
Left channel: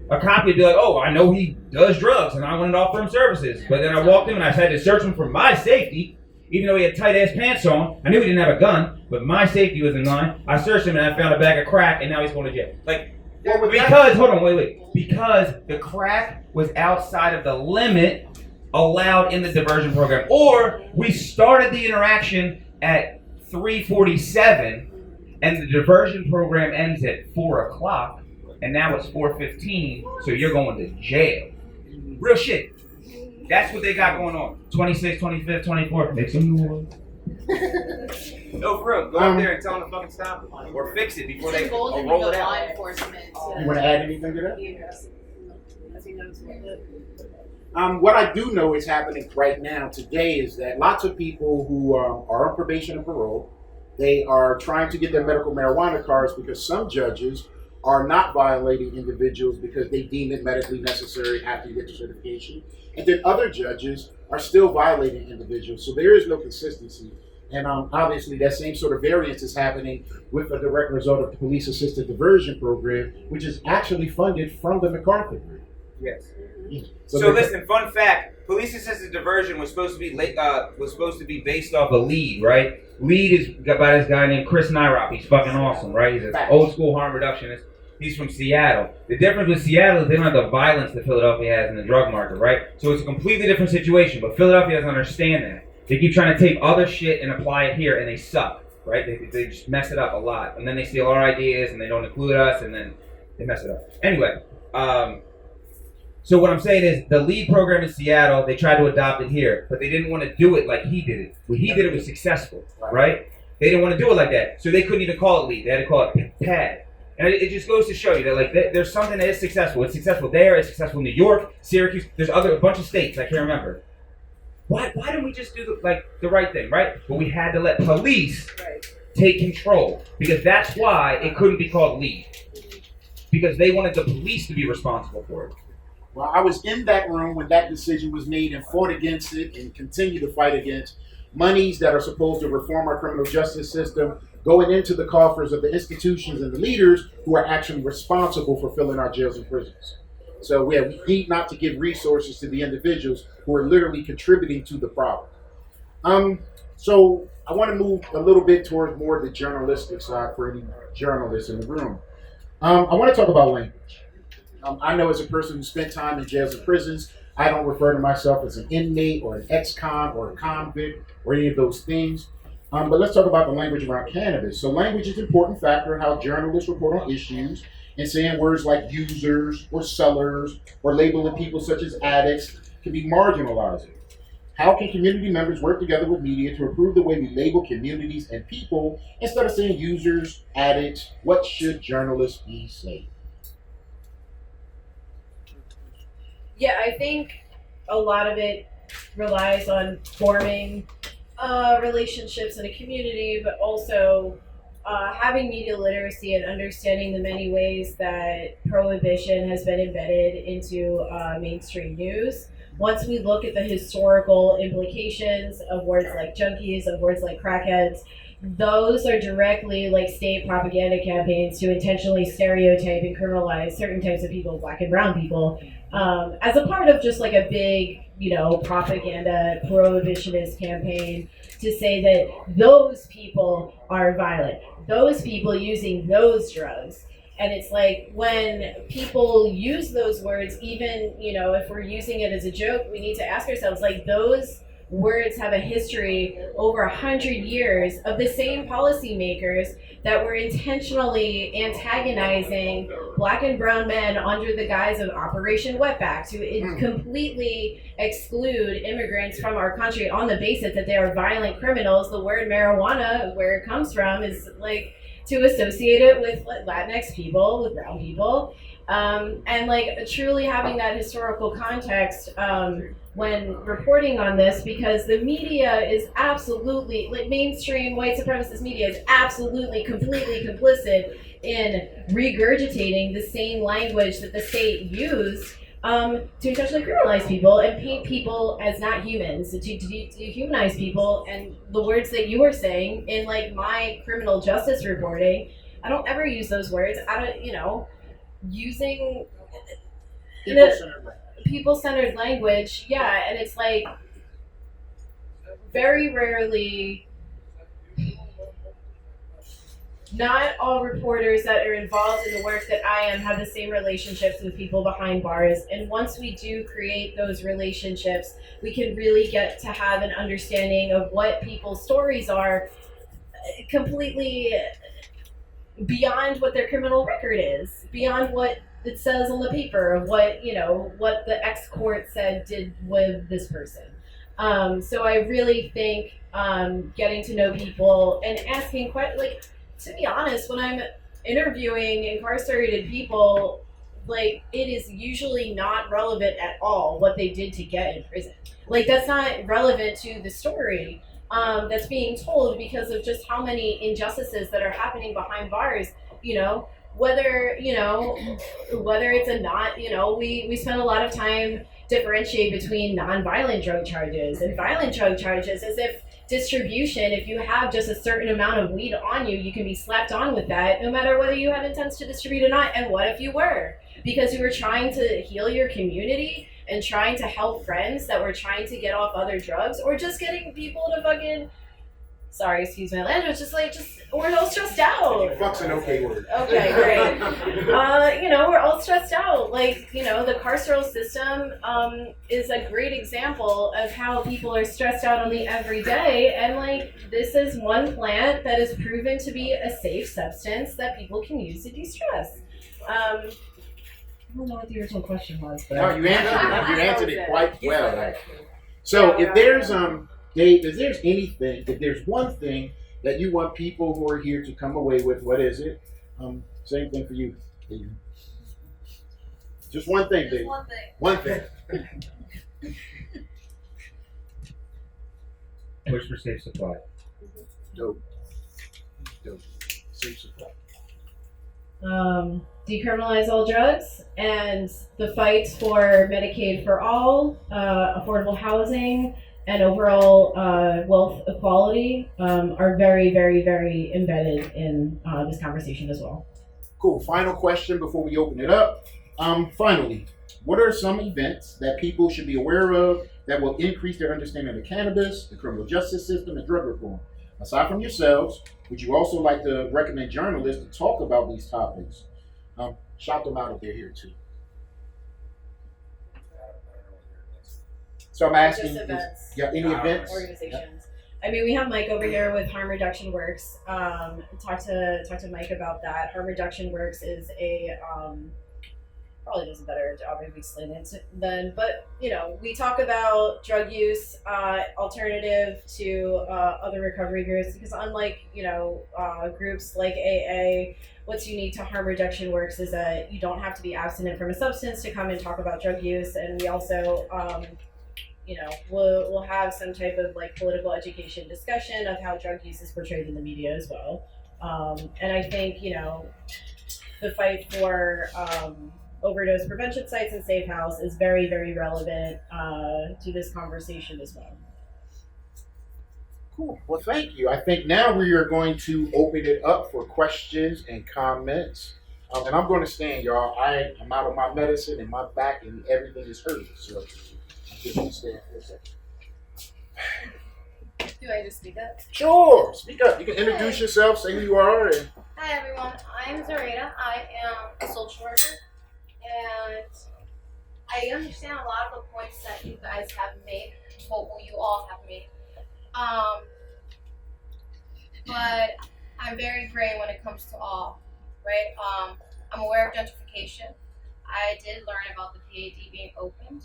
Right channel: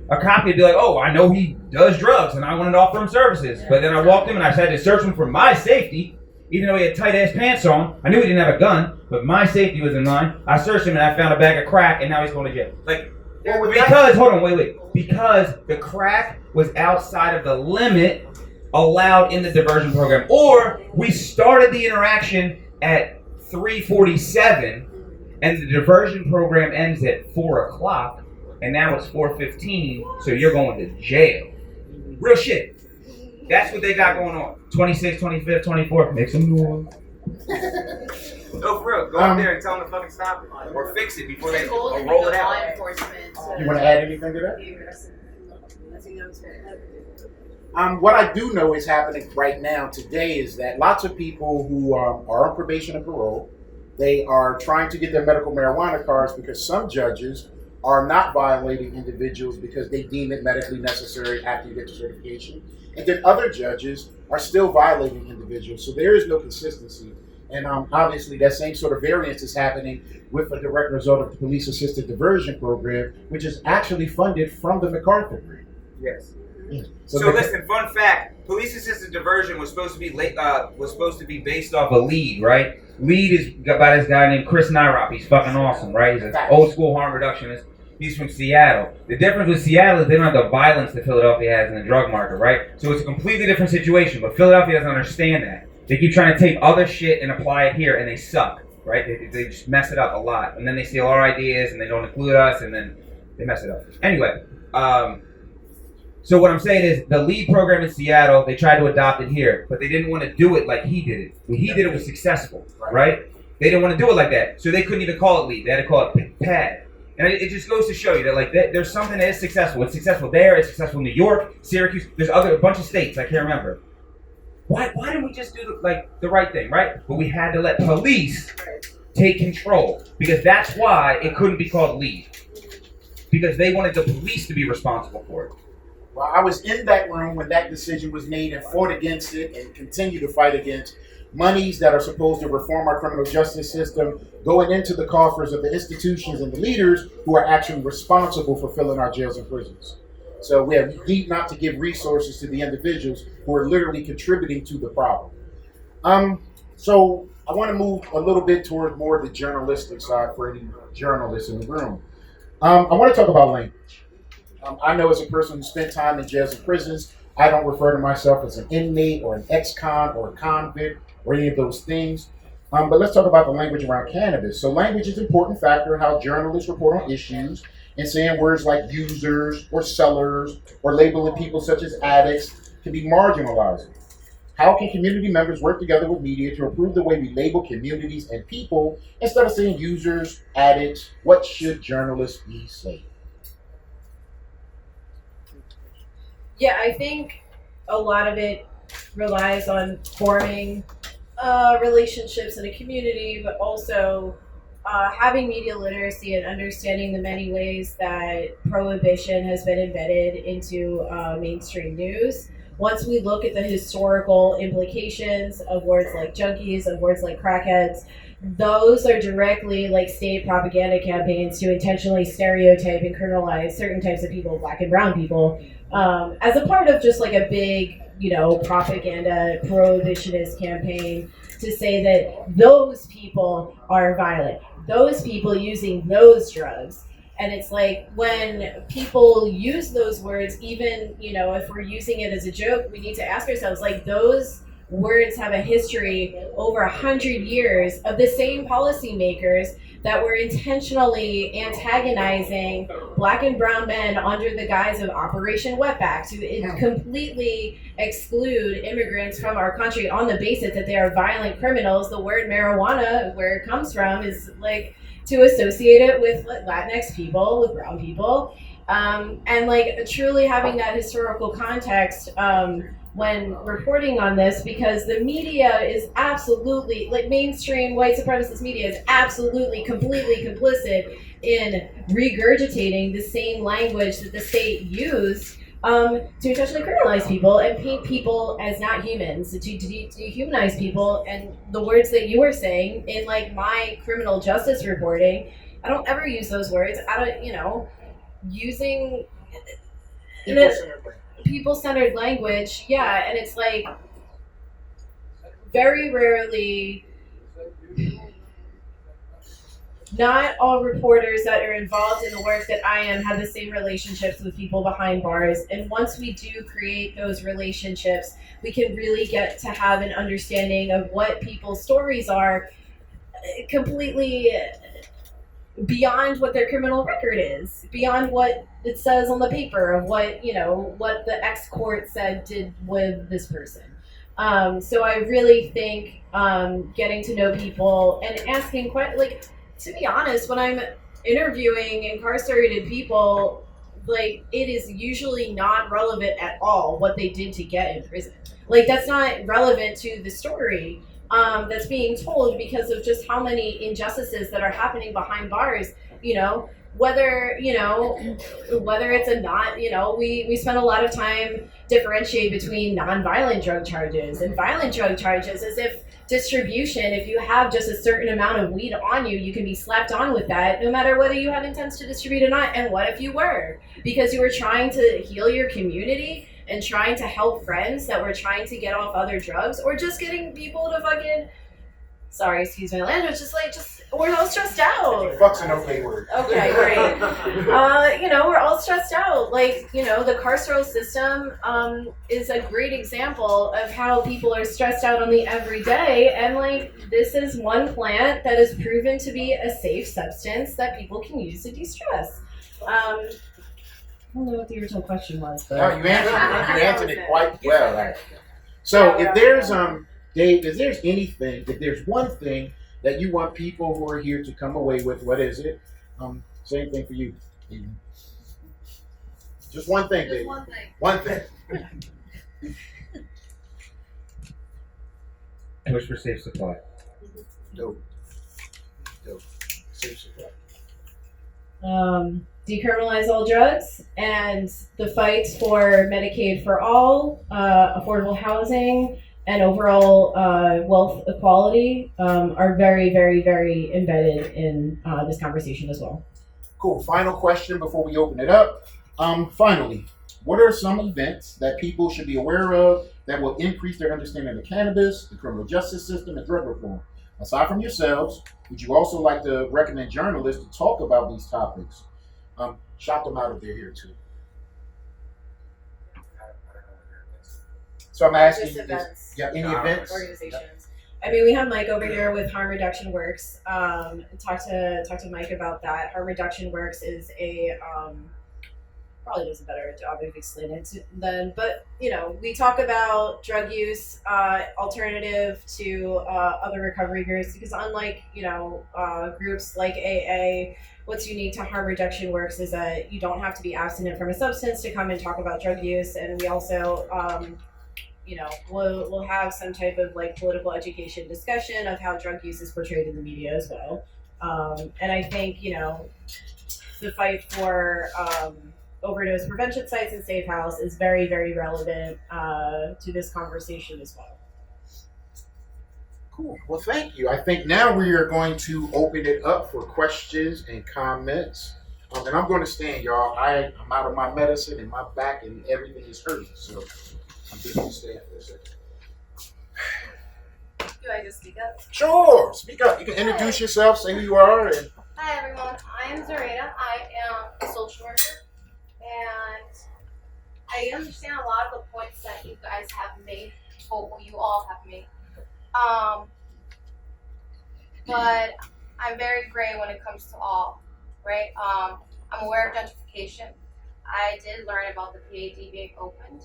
A cop would be like, "Oh, I know he does drugs and I wanted to offer him services." But then I walked him and I had to search him for my safety. Even though he had tight ass pants on, I knew he didn't have a gun, but my safety was in line. I searched him and I found a bag of crack, and now he's going to jail. Like, because, hold on, wait. Because the crack was outside of the limit allowed in the diversion program. Or we started the interaction at 3:47, and the diversion program ends at 4 o'clock, and now it's 4:15, so you're going to jail. Real shit. That's what they got going on. 26th, 25th, 24th. Make some noise. No, for real. Go out there and tell them to fucking stop it. Or fix it before they roll it out. Law enforcement. You want to add anything to that? I think that was it. What I do know is happening right now today is that lots of people who are on probation and parole, they are trying to get their medical marijuana cards because some judges are not violating individuals because they deem it medically necessary after you get the certification. And then other judges are still violating individuals. So there is no consistency. And obviously that same sort of variance is happening with a direct result of the police assisted diversion program, which is actually funded from the MacArthur grant. Yes. Yeah. So listen, fun fact: police assisted diversion was supposed to be based off a lead, right? Lead is by this guy named Chris Nyrop. He's fucking awesome, right? He's an old school harm reductionist. He's from Seattle. The difference with Seattle is they don't have the violence that Philadelphia has in the drug market, right? So it's a completely different situation. But Philadelphia doesn't understand that. They keep trying to take other shit and apply it here, and they suck, right? They just mess it up a lot, and then they steal our ideas, and they don't include us, and then they mess it up. Anyway. So what I'm saying is the LEAD program in Seattle, they tried to adopt it here, but they didn't want to do it like he did it. What he did it was successful, right? They didn't want to do it like that. So they couldn't even call it LEAD. They had to call it PAD. And it just goes to show you that like there's something that is successful. It's successful there. It's successful in New York, Syracuse. There's a bunch of states. I can't remember. Why didn't we just do the right thing, right? But we had to let police take control because that's why it couldn't be called LEAD. Because they wanted the police to be responsible for it. Well, I was in that room when that decision was made and fought against it and continue to fight against monies that are supposed to reform our criminal justice system going into the coffers of the institutions and the leaders who are actually responsible for filling our jails and prisons. So we need not to give resources to the individuals who are literally contributing to the problem. So I want to move a little bit towards more the journalistic side for any journalists in the room. I want to talk about language. I know as a person who spent time in jails and prisons, I don't refer to myself as an inmate or an ex-con or a convict or any of those things. But let's talk about the language around cannabis. So language is an important factor in how journalists report on issues, and saying words like users or sellers or labeling people such as addicts can be marginalizing. How can community members work together with media to improve the way we label communities and people instead of saying users, addicts? What should journalists be saying? Yeah, I think a lot of it relies on forming relationships in a community, but also having media literacy and understanding the many ways that prohibition has been embedded into mainstream news. Once we look at the historical implications of words like junkies, of words like crackheads, those are directly like state propaganda campaigns to intentionally stereotype and criminalize certain types of people, black and brown people, as a part of just like a big, propaganda prohibitionist campaign to say that those people are violent, those people using those drugs. And it's like when people use those words, even, if we're using it as a joke, we need to ask ourselves, like, those words have a history over 100 years of the same policymakers that were intentionally antagonizing black and brown men under the guise of Operation Wetback to completely exclude immigrants from our country on the basis that they are violent criminals. The word marijuana, where it comes from, is like to associate it with Latinx people, with brown people, and like truly having that historical context when reporting on this, because the media is absolutely, like mainstream white supremacist media is absolutely completely complicit in regurgitating the same language that the state used to intentionally criminalize people and paint people as not humans, to dehumanize people. And the words that you were saying in like my criminal justice reporting, I don't ever use those words. I don't, using people-centered language, yeah, and it's like very rarely, not all reporters that are involved in the work that I am have the same relationships with people behind bars. And once we do create those relationships, we can really get to have an understanding of what people's stories are, completely beyond what their criminal record is, beyond what it says on the paper of what, what the ex court said did with this person. So I really think getting to know people and asking questions, to be honest, when I'm interviewing incarcerated people, it is usually not relevant at all what they did to get in prison. That's not relevant to the story that's being told because of just how many injustices that are happening behind bars. Whether it's a not, we spend a lot of time differentiate between non-violent drug charges and violent drug charges, as if distribution, if you have just a certain amount of weed on you, you can be slapped on with that no matter whether you had intents to distribute or not. And what if you were? Because you were trying to heal your community and trying to help friends that were trying to get off other drugs, or just getting people to fucking, sorry, excuse my language, we're all stressed out. Fuck's an okay word. Okay, great. We're all stressed out. The carceral system is a great example of how people are stressed out on the everyday. And this is one plant that is proven to be a safe substance that people can use to de-stress. I don't know what the original question was, but No, you answered it. You answered it quite well. So if there's Dave, if there's one thing that you want people who are here to come away with, what is it? Same thing for you, Adrian. Just one thing, Dave. One thing. Push for safe supply. Dope. Safe supply. Decriminalize all drugs, and the fight for Medicaid for all, affordable housing, and overall wealth equality are very, very, very embedded in this conversation as well. Cool. Final question before we open it up. Finally, what are some events that people should be aware of that will increase their understanding of cannabis, the criminal justice system, and drug reform? Aside from yourselves, would you also like to recommend journalists to talk about these topics? Shout them out if they're here too. So I'm asking, Just events. Any events? Organizations. I mean, we have Mike over here with Harm Reduction Works. Talk to Mike about that. Harm Reduction Works is a probably does a better job of explaining it than, but we talk about drug use alternative to other recovery groups, because unlike groups like AA, what's unique to Harm Reduction Works is that you don't have to be abstinent from a substance to come and talk about drug use. And we also we'll have some type of political education discussion of how drug use is portrayed in the media as well. And I think the fight for overdose prevention sites and safe house is very, very relevant to this conversation as well. Cool. Well, thank you. I think now we are going to open it up for questions and comments. And I'm going to stand, y'all. I'm out of my medicine and my back and everything is hurting. So I'm just going to stand for a second. Do I just speak up? Sure. Speak up. You can introduce yourself, say who you are. And Hi everyone, I'm Zareta. I am a social worker, and I understand a lot of the points that you guys have made, well, you all have made. But I'm very gray when it comes to all, right? I'm aware of gentrification. I did learn about the PAD being opened,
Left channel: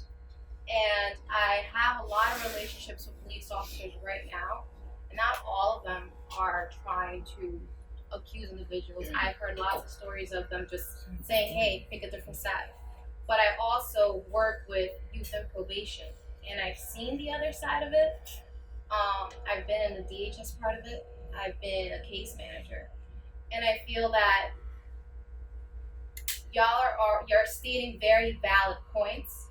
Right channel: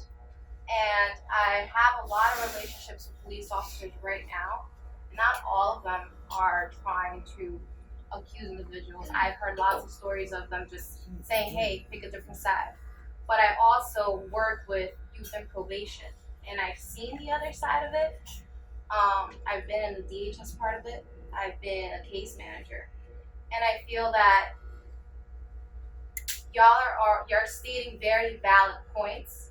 and I have a lot of relationships with police officers right now, and not all of them are trying to accuse individuals. I've heard lots of stories of them just saying, hey, pick a different side. But I also work with youth and probation, and I've seen the other side of it. I've been in the DHS part of it. I've been a case manager, and I feel that you're stating very valid points,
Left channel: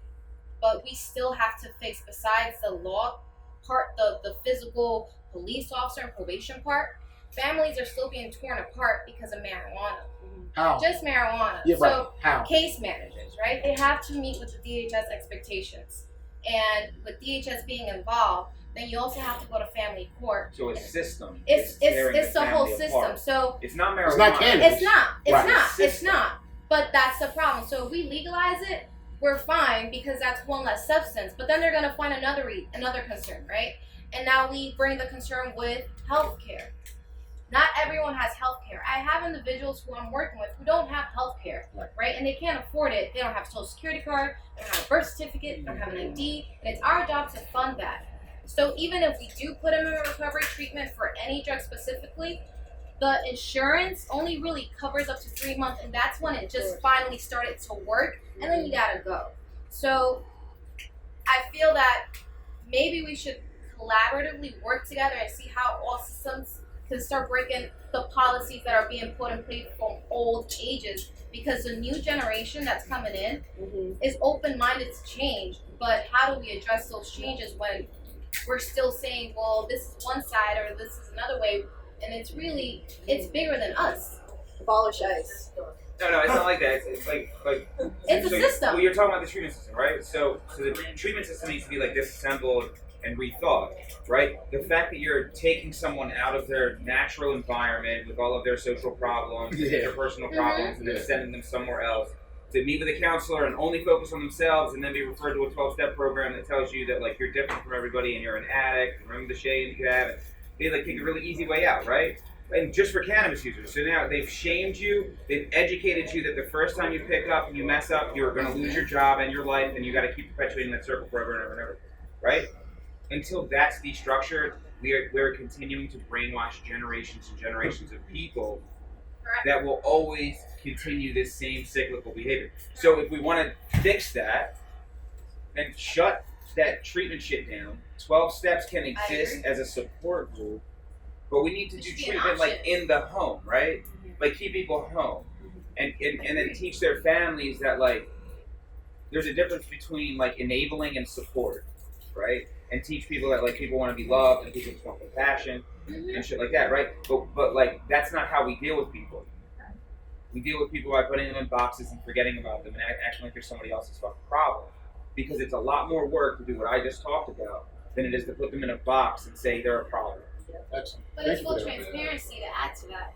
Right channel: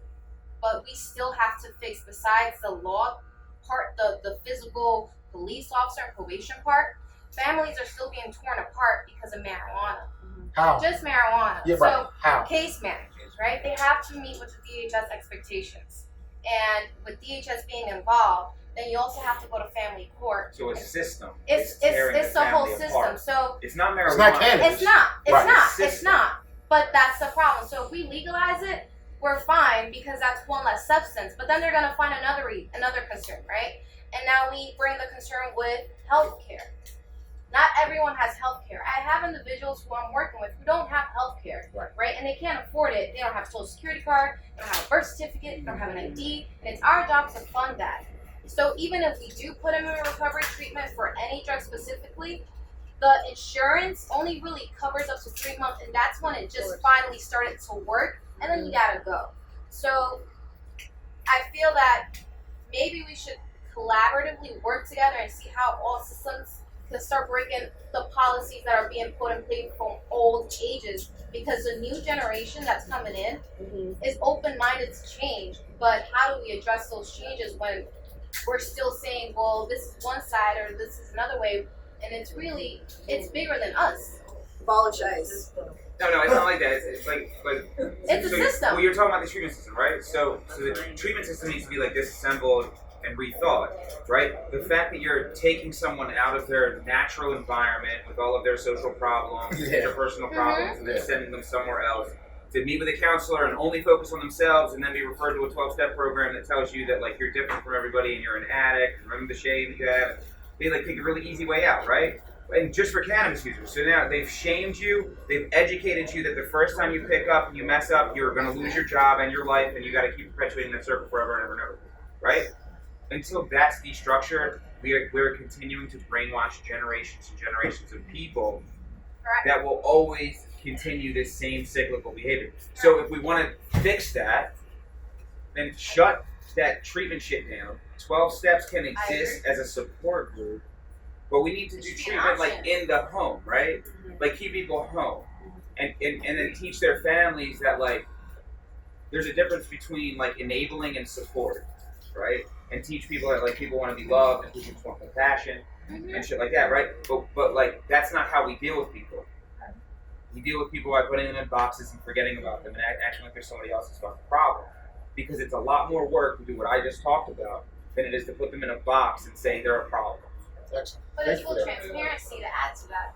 but we still have to fix, besides the law part, the physical police officer and probation part. Families are still being torn apart because of marijuana. how? Just marijuana. Yeah, right. So How? case managers, right? They have to meet with the DHS expectations. And with DHS being involved, then you also have to go to family court. So a system. It's tearing the whole family system. apart. So It's not marijuana. It's not cannabis. it's not. It's Right. not. It's System. not. But that's the problem. So if we legalize it, we're fine because that's one less substance. But then they're gonna find another concern, right? And now we bring the concern with healthcare. Not everyone has healthcare. I have individuals who I'm working with who don't have healthcare, right? And they can't afford it. They don't have a social security card. They don't have a birth certificate. They don't have an ID. And it's our job to fund that. So even if we do put them in recovery treatment for any drug specifically, the insurance only really covers up to 3 months, and that's when it just finally started to work, and then you gotta go. So I feel that maybe we should collaboratively work together and see how all systems can start breaking the policies that are being put in place from old ages, because the new generation that's coming in is open-minded to change. But how do we address those changes when we're still saying, well, this is one side or this is another way, and it's bigger than us. Abolish ICE. No, it's not like that. It's like It's a system. Well, you're talking about the treatment system, right? So the treatment system needs to be like disassembled and rethought, right? The fact that you're taking someone out of their natural environment with all of their social problems, interpersonal problems, and then sending them somewhere else to meet with a counselor and only focus on themselves, and then be referred to a 12-step program that tells you that like you're different from everybody and you're an addict. Remember the shame that you have. They like take a really easy way out, right? And just for cannabis users. So now they've shamed you, they've educated you that the first time you pick up and you mess up, you're going to lose your job and your life, and you got to keep perpetuating that circle forever and ever and ever, right? Until that's destructured, we're continuing to brainwash generations and generations of people that will always continue this same cyclical behavior. So if we want to fix that, then shut that treatment shit down. 12 steps can exist as a support group, but we need to do treatment like in the home, right? Like keep people home, and then teach their families that like there's a difference between like enabling and support, right? And teach people that like people want to be loved and people just want compassion and shit like that, right? But like that's not how we deal with people. We deal with people by putting them in boxes and forgetting about them and acting like they're somebody else's fucking problem. Because it's a lot more work to do what I just talked about than it is to put them in a box and say they're a problem. Excellent. But Thank it's you full for that. transparency to add to that.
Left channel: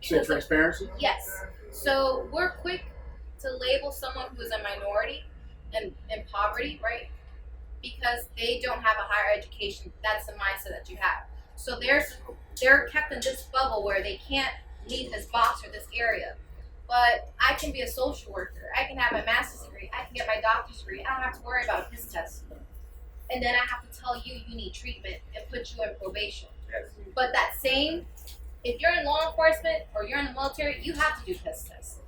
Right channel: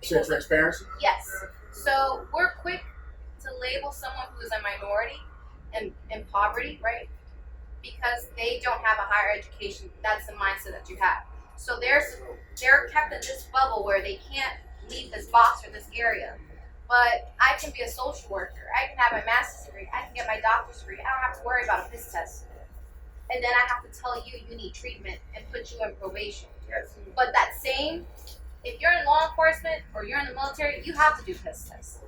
You said transparency? Yes. So we're quick to label someone who is a minority and in poverty, right? Because they don't have a higher education. That's the mindset that you have. So they're kept in this bubble where they can't leave this box or this area. But I can be a social worker. I can have my master's degree. I can get my doctor's degree. I don't have to worry about a piss test. And then I have to tell you need treatment and put you in probation. Yes. But that same, if you're in law enforcement or you're in the military, you have to do piss tests.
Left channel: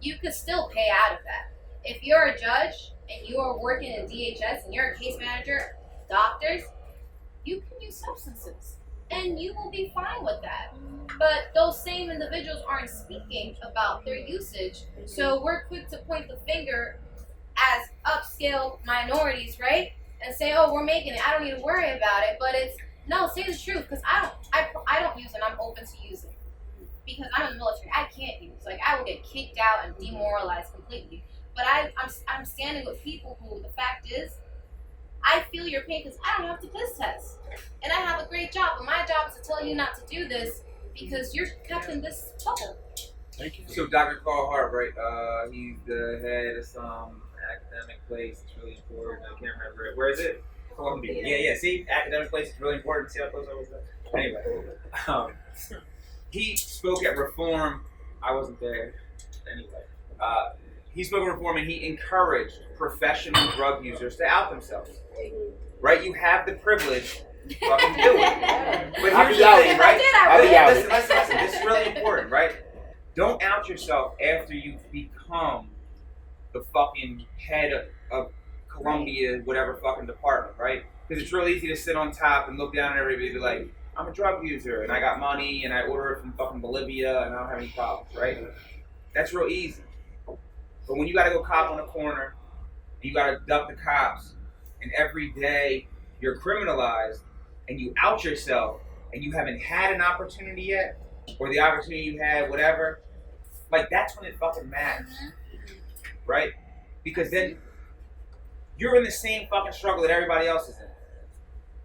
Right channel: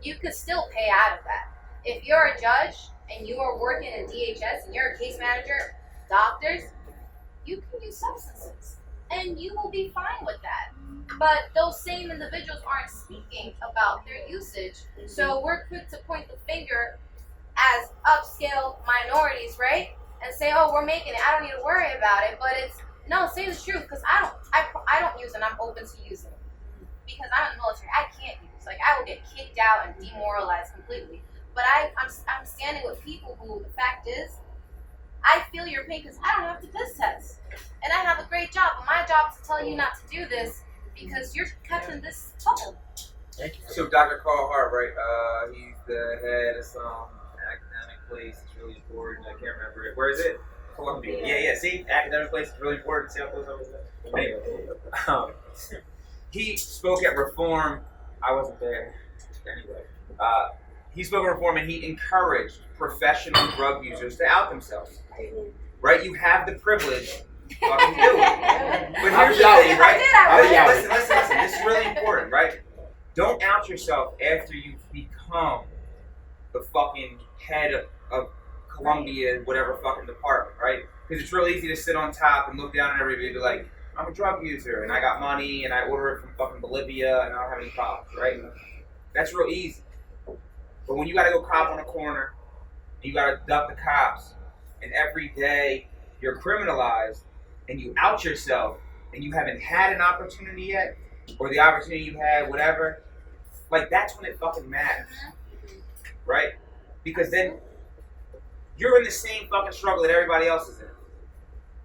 You can still pay out of that. If you're a judge and you are working in DHS and you're a case manager, doctors, you can use substances. And you will be fine with that. But those same individuals aren't speaking about their usage. So we're quick to point the finger as upscale minorities, right? And say, oh, we're making it. I don't need to worry about it. But it's, no, say the truth. Because I don't use it. I'm open to using. Because I'm in the military. I can't use. Like, I will get kicked out and demoralized completely. But I'm standing with people who, the fact is, I feel your pain because I don't have to piss test. And I have a great job, but my job is to tell you not to do this because you're kept in this bubble. Thank you. So Dr. Carl Hart, right? He's the head of some academic place. It's really important. I can't remember it. Where is it? Columbia. Yeah. See, academic place is really important. See how close I was there? Anyway, he spoke at Reform. I wasn't there. Anyway, he spoke at Reform and he encouraged professional drug users to out themselves. Right? You have the privilege. Fucking do it. But here's the thing, right? Listen. This is really important, right? Don't out yourself after you become the fucking head of Columbia, whatever fucking department, right? Because it's real easy to sit on top and look down at everybody and be like, I'm a drug user and I got money and I order it from fucking Bolivia and I don't have any problems, right? That's real easy. But when you gotta go cop on a corner, you gotta duck the cops, and every day you're criminalized, and you out yourself, and you haven't had an opportunity yet, or the opportunity you had, whatever, like that's when it fucking matters, right? Because then you're in the same fucking struggle that everybody else is in.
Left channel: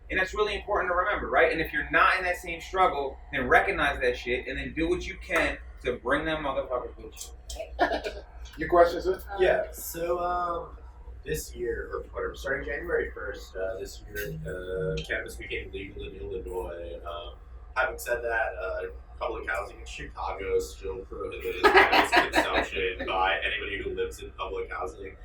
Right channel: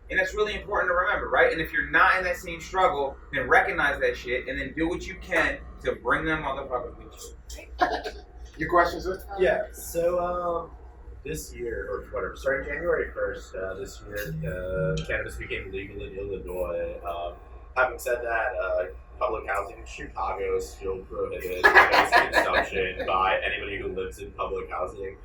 And that's really important to remember, right? And if you're not in that same struggle, then recognize that shit and then do what you can to bring them motherfuckers with you. Your questions? Sir? Yeah, so this year, or whatever, starting January 1st, this year, cannabis became legal in Illinois. Having said that, public housing in Chicago still prohibits cannabis consumption by anybody who lives in public housing.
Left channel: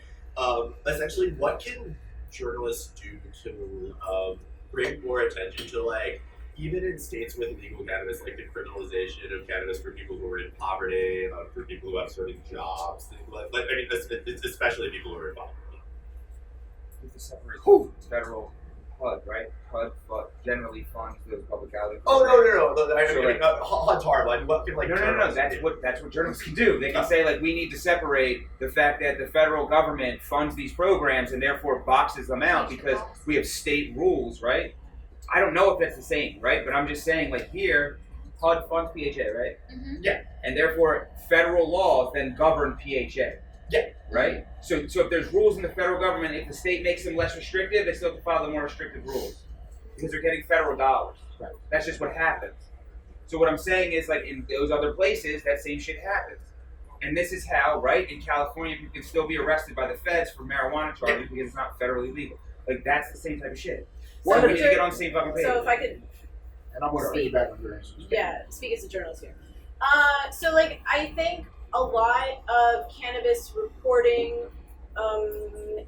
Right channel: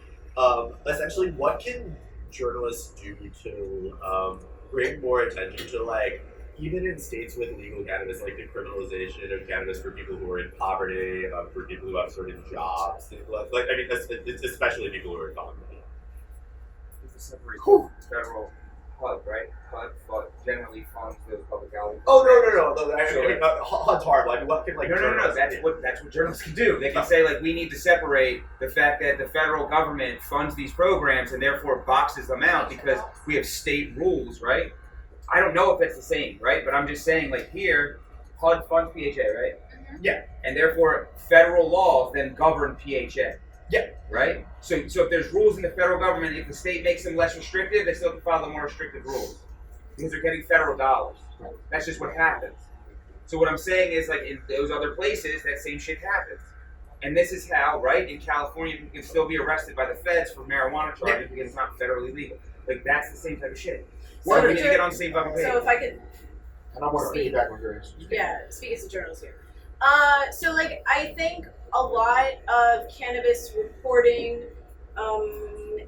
Essentially, what can journalists do to bring more attention to, like, even in states with legal cannabis, like the criminalization of cannabis for people who are in poverty, for people who have certain jobs, I mean, especially people who are in poverty. It's a separate federal HUD, right? HUD generally funds those public housing. Oh no! So, HUD's horrible. I mean, what can like no. journalists do? That's what journalists can do. They can say, like, we need to separate the fact that the federal government funds these programs and therefore boxes them out because we have state rules, right? I don't know if that's the same, right? But I'm just saying, like, here, HUD funds PHA, right? Mm-hmm. Yeah. And therefore, federal laws then govern PHA. Yeah. Right? So if there's rules in the federal government, if the state makes them less restrictive, they still have to follow the more restrictive rules because they're getting federal dollars. Right. That's just what happens. So what I'm saying is, like, in those other places, that same shit happens. And this is how, right, in California, you can still be arrested by the feds for marijuana charges because it's not federally legal. Like, that's the same type of shit. What So are we the- need to get on the same fucking page. So if I could, And I want to Speak. piggyback on your answer. yeah, speak as a journalist here. So like I think a lot of cannabis reporting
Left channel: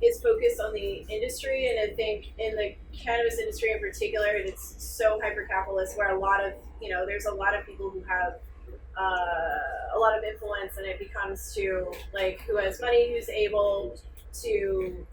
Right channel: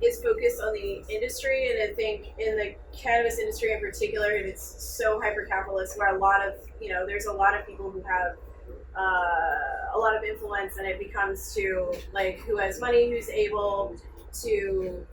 is focused on the industry, and I think in the cannabis industry in particular, it's so hyper-capitalist where there's a lot of people who have a lot of influence, and it becomes to like who has money, who's able to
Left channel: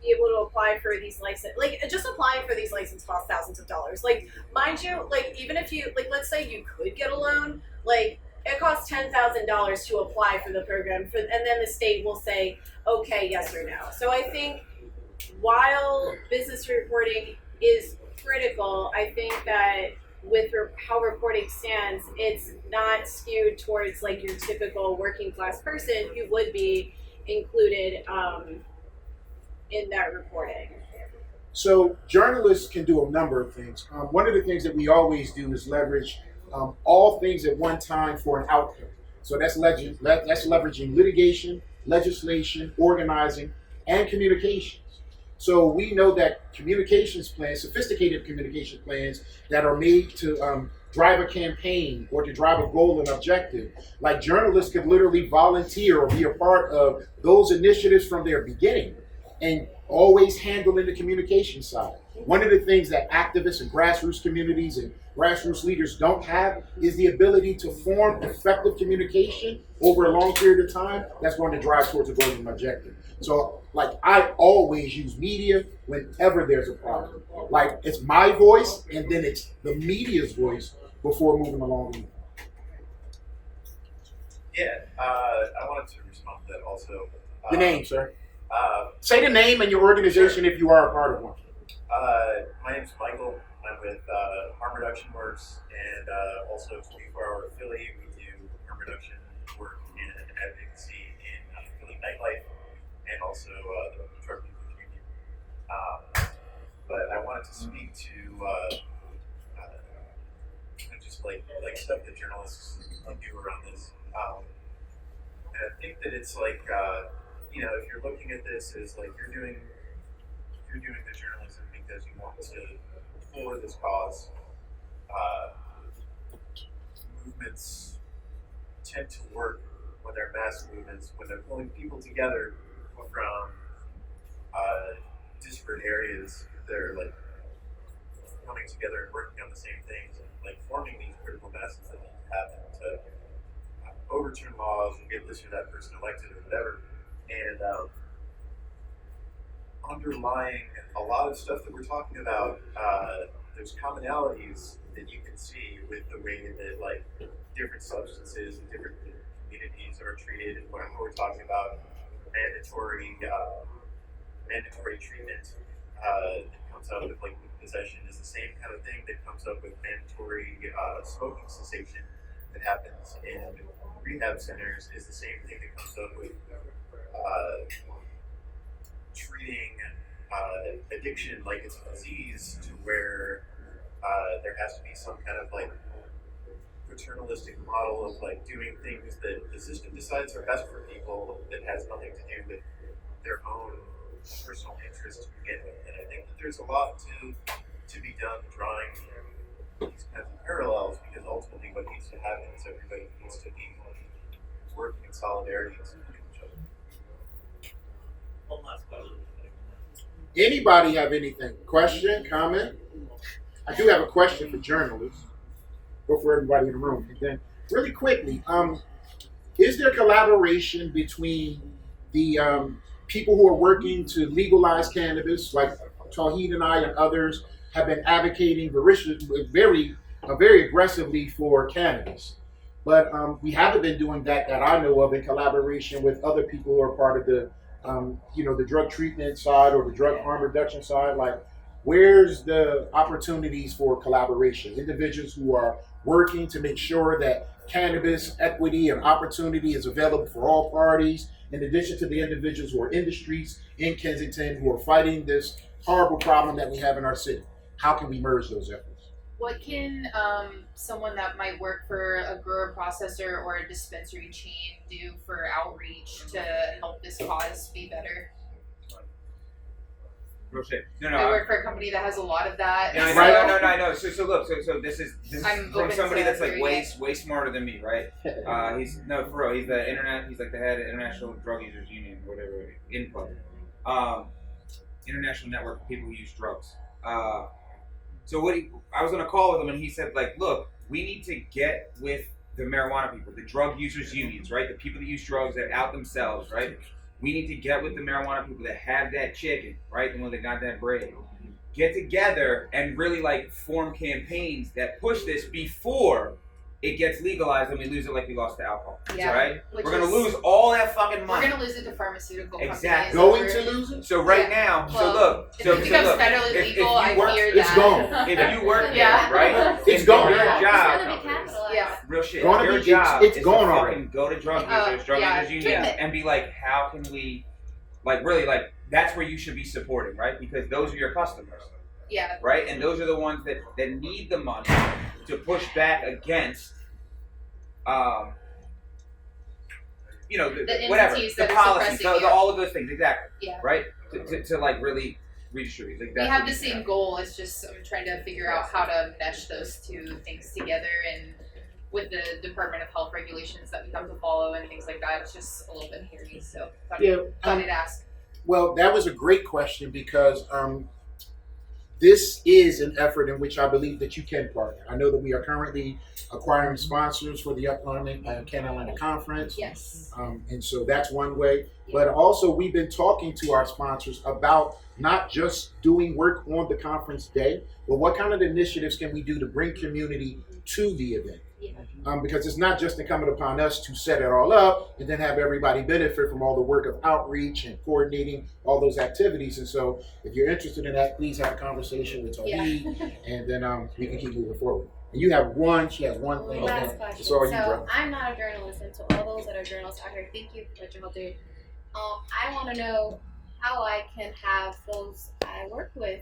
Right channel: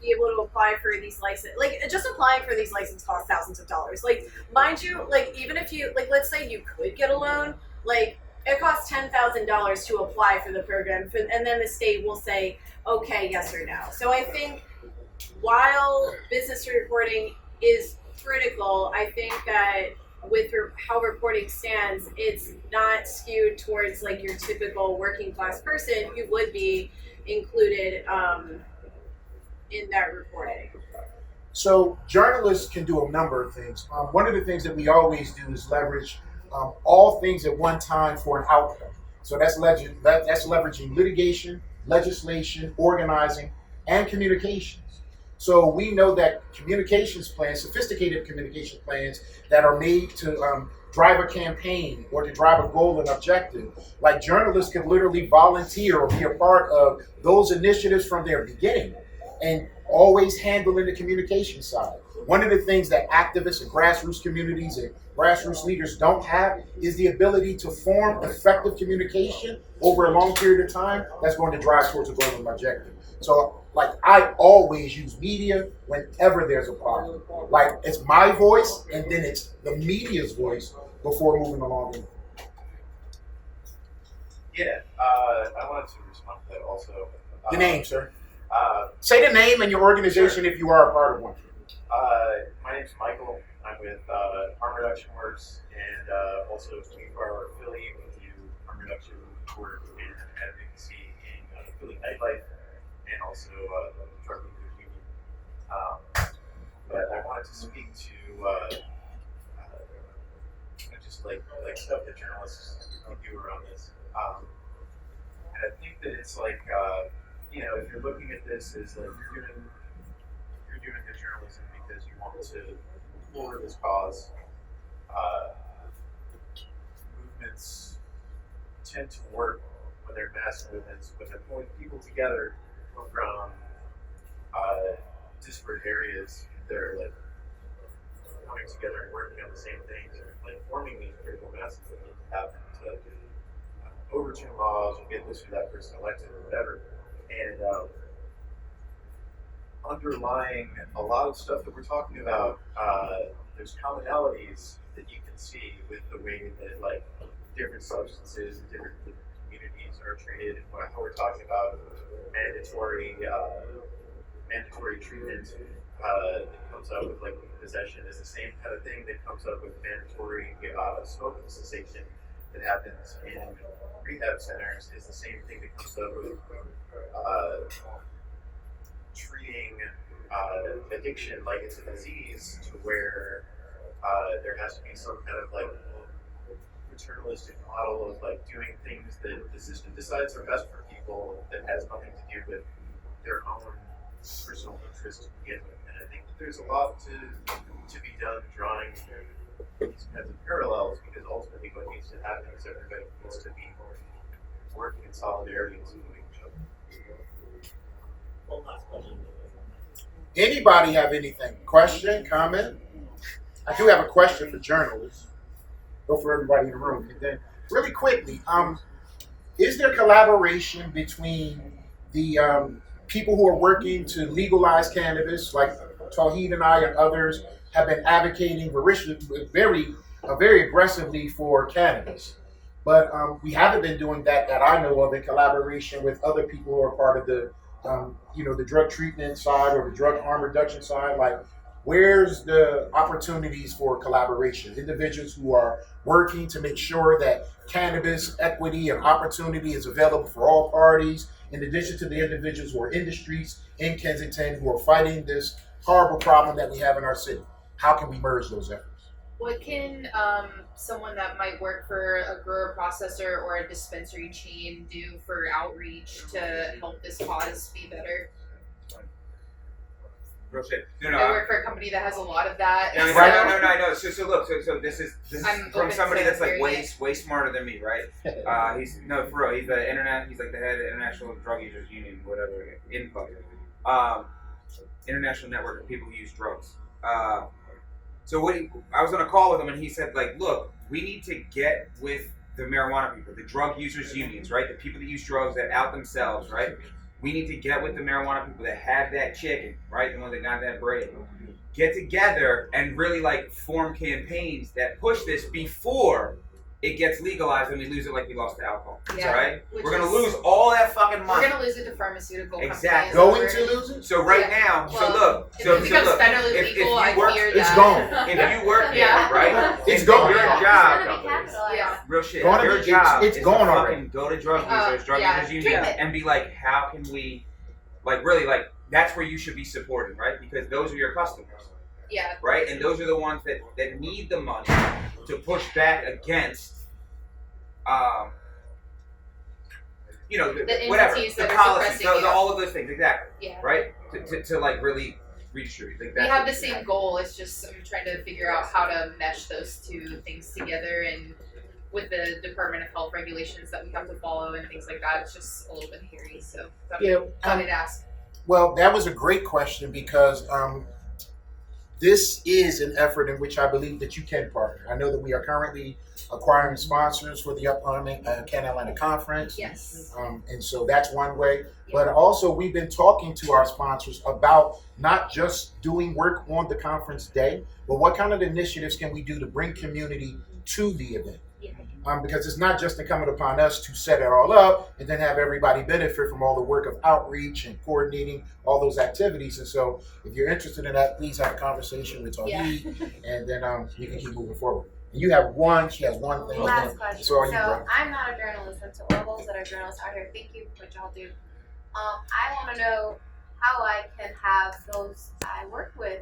be able to apply for these license, like just applying for these licenses costs thousands of dollars. Like, mind you, like even if you like, let's say you could get a loan, like it costs $10,000 to apply for the program, and then the state will say, okay, yes or no. So I think while business reporting is critical, I think that with how reporting stands, it's not skewed towards like your typical working class person who would be included in that reporting. So journalists can do a number of things. One of the things that we always do is leverage all things at one time for an outcome. So that's leveraging litigation, legislation, organizing, and communications. So we know that communications plans, sophisticated communication plans that are made to drive a campaign or to drive a goal and objective, like journalists could literally volunteer or be a part of those initiatives from their beginning, and always handling the communication side. One of the things that activists and grassroots communities and grassroots leaders don't have is the ability to form effective communication over a long period of time that's going to drive towards a goal and objective. So, like, I always use media whenever there's a problem. Like, it's my voice and then it's the media's voice before moving along. Yeah, I wanted to respond to that also. Your name, sir. Say the name and your organization if you are a part of one. My name's Michael. I'm with Harm Reduction Works and also 24-hour Philly. We do harm reduction work and advocacy in Philly nightlife and also the drug leaders union. But I wanted to speak to just like stuff that journalists do around this. And I think that it's like if you're looking at this as like you're doing the journalism because you want to forward this cause. Movements tend to work when they're mass movements, when they're pulling people together from disparate areas. They're like coming together and working on the same things, and like forming these critical masses that need to happen to overturn laws or get this or that person elected or whatever. And underlying a lot of stuff that we're talking about, there's commonalities that you can see with the way that like different substances and different communities are treated, and how we're talking about mandatory treatment that comes up with like possession is the same kind of thing that comes up with mandatory smoking cessation that happens in rehab centers, is the same thing that comes up with treating addiction like it's a disease, to where there has to be some kind of like paternalistic model of like doing things that the system decides are best for people that has nothing to do with their own personal interest to begin with. And I think that there's a lot to be done drawing these kinds of parallels, because ultimately what needs to happen is everybody needs to be working in solidarity and supporting each other. One last question. Anybody have anything? Question, comment? I do have a question for journalists. Go for everybody in the room. And then, really quickly, is there collaboration between the people who are working to legalize cannabis, like Tauhid and I and others have been advocating very aggressively for cannabis, but we haven't been doing that I know of in collaboration with other people who are part of the the drug treatment side or the drug harm reduction side? Like, where's the opportunities for collaboration? Individuals who are working to make sure that cannabis equity and opportunity is available for all parties, in addition to the individuals who are in the streets in Kensington who are fighting this horrible problem that we have in our city. How can we merge those efforts? What can someone that might work for a grower processor or a dispensary chain do for outreach to help this cause be better? Real shit. I work for a company that has a lot of that. No, Right. I know. So look, so this is I'm from open somebody to that's like hearing way smarter than me, right? He's for real. He's the internet. He's like the head of International Drug Users Union, whatever, INPO, International Network of People Who Use Drugs. So I was on a call with him, and he said, like, look, we need to get with the marijuana people, the drug users unions, right? The people that use drugs that out themselves, right? We need to get with the marijuana people that have that chicken, right? The ones that got that bread. Get together and really like form campaigns that push this before it gets legalized and we lose it like we lost to alcohol. Yeah, Right? which We're gonna is- lose all that fucking money. We're gonna lose it to pharmaceutical Exactly. companies. Going to lose it? So right Yeah. now, Well, so look, if so it becomes look, federally if legal, you I work, fear it's that. gone. if you work there, Yeah. right? It's if gone. Your It's gonna job, be capitalized. Yeah. real shit. Gonna Your be- job it's is gone to already. fucking go to drug users, drug yeah, users unions, treatment. and be like, how can we, like, really, like, that's where you should be supporting, right? Because those are your customers, Yeah. right? And those are the ones that need the money to push back against, The whatever, entities the that are policies, suppressing you. all of those things, exactly, Yeah. right? To like really redistribute. Like, We that's have what the needs to same happen. goal. It's just I'm trying to figure out how to mesh those two things together, and with the Department of Health regulations that we have to follow and things like that, it's just a little bit hairy. So thought Yeah, I'd ask. Well, that was a great question because this is an effort in which I believe that you can partner. I know that we are currently acquiring sponsors for the upcoming Carolina conference. Yes. And so that's one way. But also, we've been talking to our sponsors about not just doing work on the conference day, but what kind of initiatives can we do to bring community to the event? Yeah. Because it's not just incumbent upon us to set it all up and then have everybody benefit from all the work of outreach and coordinating all those activities. And so if you're interested in that, please have a conversation with Tauhid, and then we can keep moving forward. And she has one thing. Last question. It's all you, So bro. I'm not a journalist, and to all those that are journalists out here, thank you for what y'all do. I want to know how I can have those I work with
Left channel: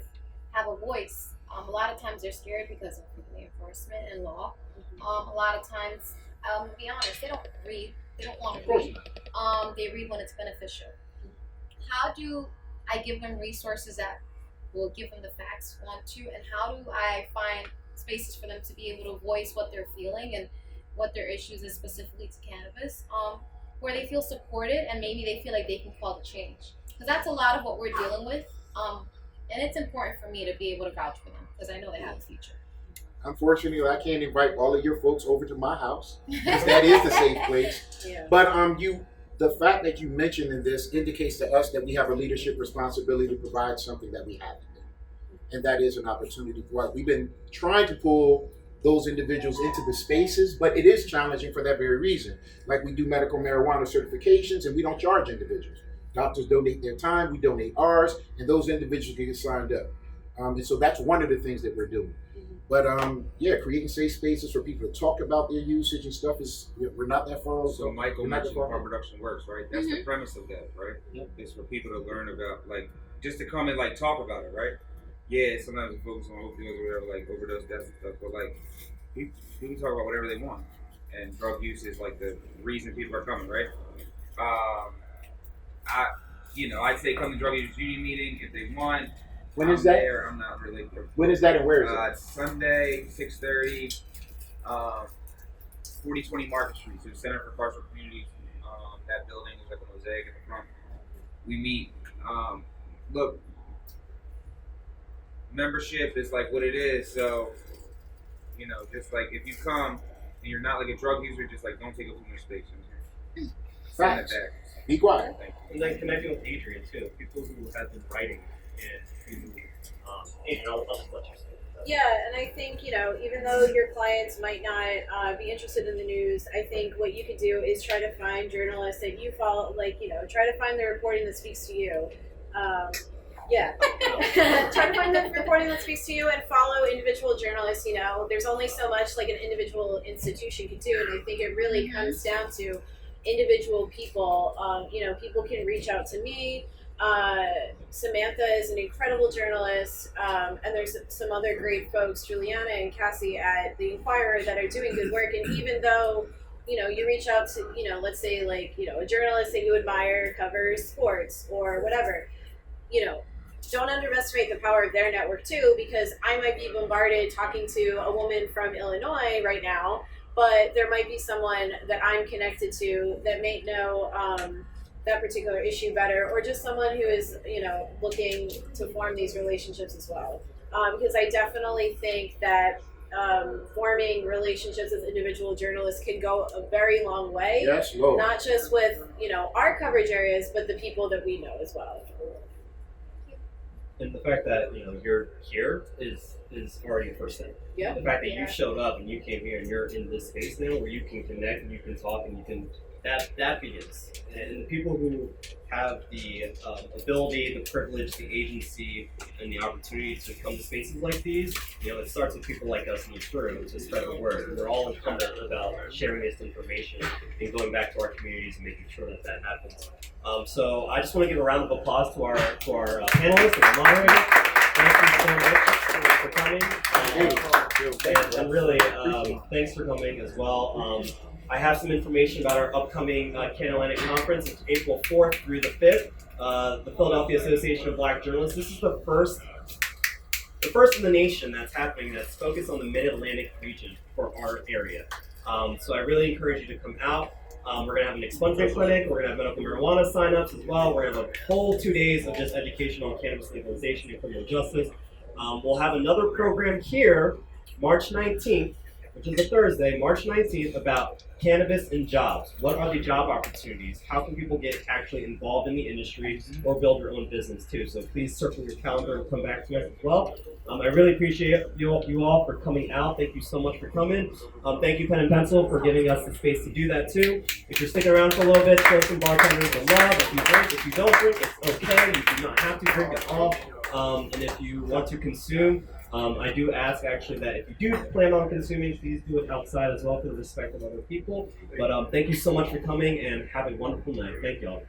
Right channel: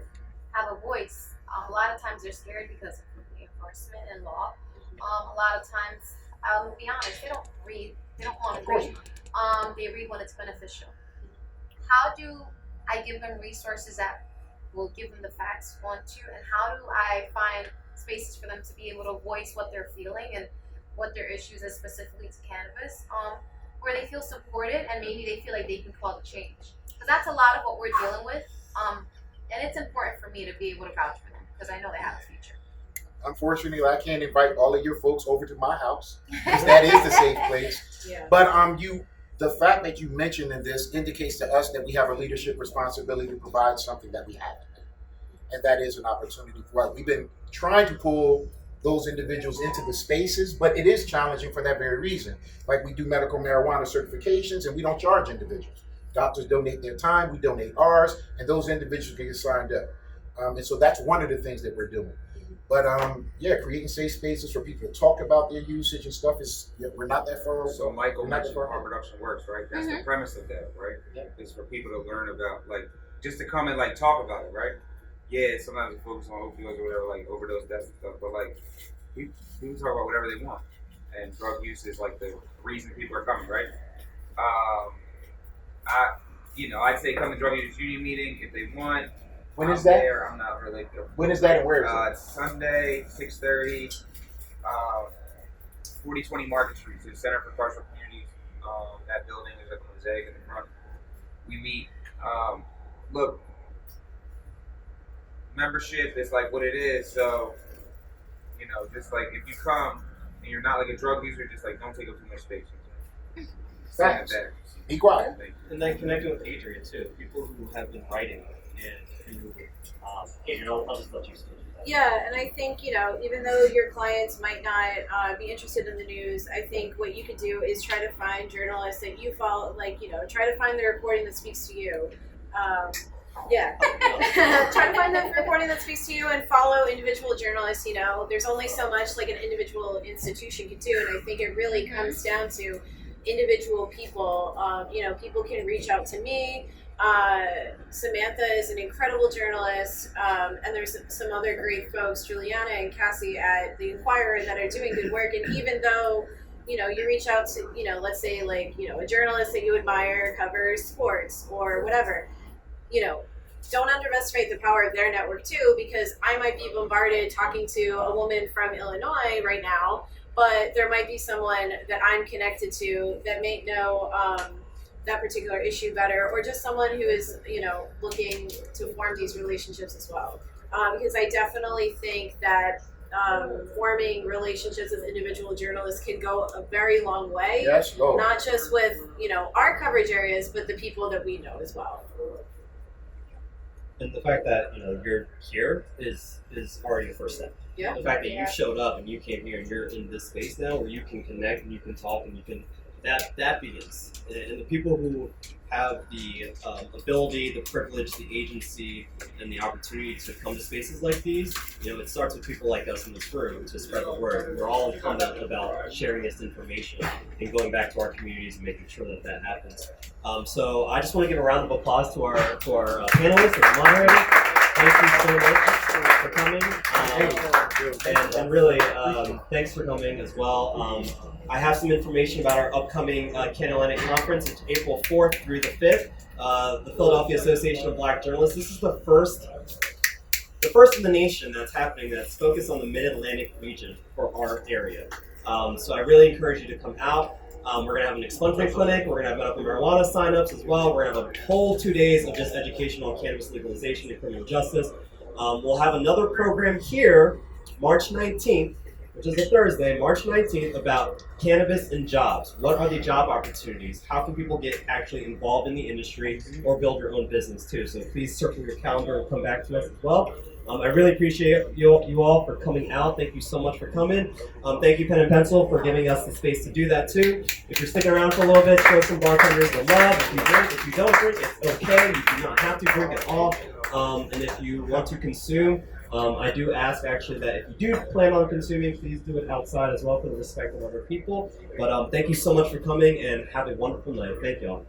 have a voice. A lot of times they're scared because of the enforcement and law. A lot of times, to be honest, they don't read. They don't want to read. They read when it's beneficial. How do I give them resources that will give them the facts, one, two, and how do I find spaces for them to be able to voice what they're feeling and what their issues is specifically to cannabis, where they feel supported and maybe they feel like they can call the change, because that's a lot of what we're dealing with, and it's important for me to be able to vouch for them because I know they have a future. Unfortunately, I can't invite all of your folks over to my house, because that is the safe place. Yeah. But the fact that you mentioned in this indicates to us that we have a leadership responsibility to provide something that we haven't. And that is an opportunity for us. We've been trying to pull those individuals into the spaces, but it is challenging for that very reason. Like, we do medical marijuana certifications and we don't charge individuals. Doctors donate their time, we donate ours, and those individuals can get signed up. And so that's one of the things that we're doing. But creating safe spaces for people to talk about their usage and stuff we're not that far. So Michael we're not that mentioned far. harm reduction works, right? That's the premise of that, right? Yeah. Is for people to learn about, like, just to come and like talk about it, right? Yeah, sometimes we focus on opioids or whatever, like overdose deaths and stuff, but like people talk about whatever they want, and drug use is like the reason people are coming, right? I'd say come to drug users union meeting if they want. When is that? There. I'm not really. When is that and where is it? It's Sunday, 6:30, 4020 Market Street, so the Center for Carceral Communities. That building is like a mosaic in the front. We meet. Look, membership is like what it is. So, just like if you come and you're not like a drug user, just like don't take up too much space. Facts. Be quiet. And then connecting with Adrian too, people who have been writing and who, and I'll just let you speak. Yeah, and I think, even though your clients might not be interested in the news, I think what you could do is try to find journalists that you follow, try to find the reporting that speaks to you. Try to find the reporting that speaks to you and follow individual journalists. There's only so much like an individual institution can do, and I think it really comes down to individual people. People can reach out to me. Samantha is an incredible journalist, and there's some other great folks, Juliana and Cassie at the Inquirer, that are doing good work. And even though you reach out to let's say a journalist that you admire covers sports or whatever, don't underestimate the power of their network too, because I might be bombarded talking to a woman from Illinois right now, but there might be someone that I'm connected to that may know that particular issue better, or just someone who is looking to form these relationships as well, because I definitely think that forming relationships with individual journalists can go a very long way. Yes, Lord. Not just with our coverage areas, but the people that we know as well. And the fact that you're here is already a first step. Yeah. The fact that you showed up and you came here and you're in this space now where you can connect and you can talk and you can that begins. And the people who have the ability, the privilege, the agency, and the opportunity to come to spaces like these, it starts with people like us in this room to spread the word. We're all incumbent about sharing this information and going back to our communities and making sure that happens. So I just want to give a round of applause to our panelists and our moderators. Thank you so much for coming. And really, thanks for coming as well. I have some information about our upcoming Can-Atlantic Conference. It's April 4th through the 5th. The Philadelphia Association of Black Journalists. This is the first in the nation that's happening that's focused on the Mid-Atlantic region for our area. So I really encourage you to come out. We're going to have an expungement clinic. We're going to have medical marijuana signups as well. We're going to have a whole 2 days of just education on cannabis legalization and criminal justice. We'll have another program here, March 19th, which is a Thursday, March 19th, about cannabis and jobs. What are the job opportunities? How can people get actually involved in the industry or build your own business too? So please circle your calendar and come back to us as well. I really appreciate you all for coming out. Thank you so much for coming. Thank you, Pen and Pencil, for giving us the space to do that too. If you're sticking around for a little bit, show some bartenders the love. If you drink, if you don't drink, it's okay. You do not have to drink at all. And if you want to consume, I do ask actually that if you do plan on consuming, please do it outside as well for the respect of other people. But thank you so much for coming and have a wonderful night. Thank y'all.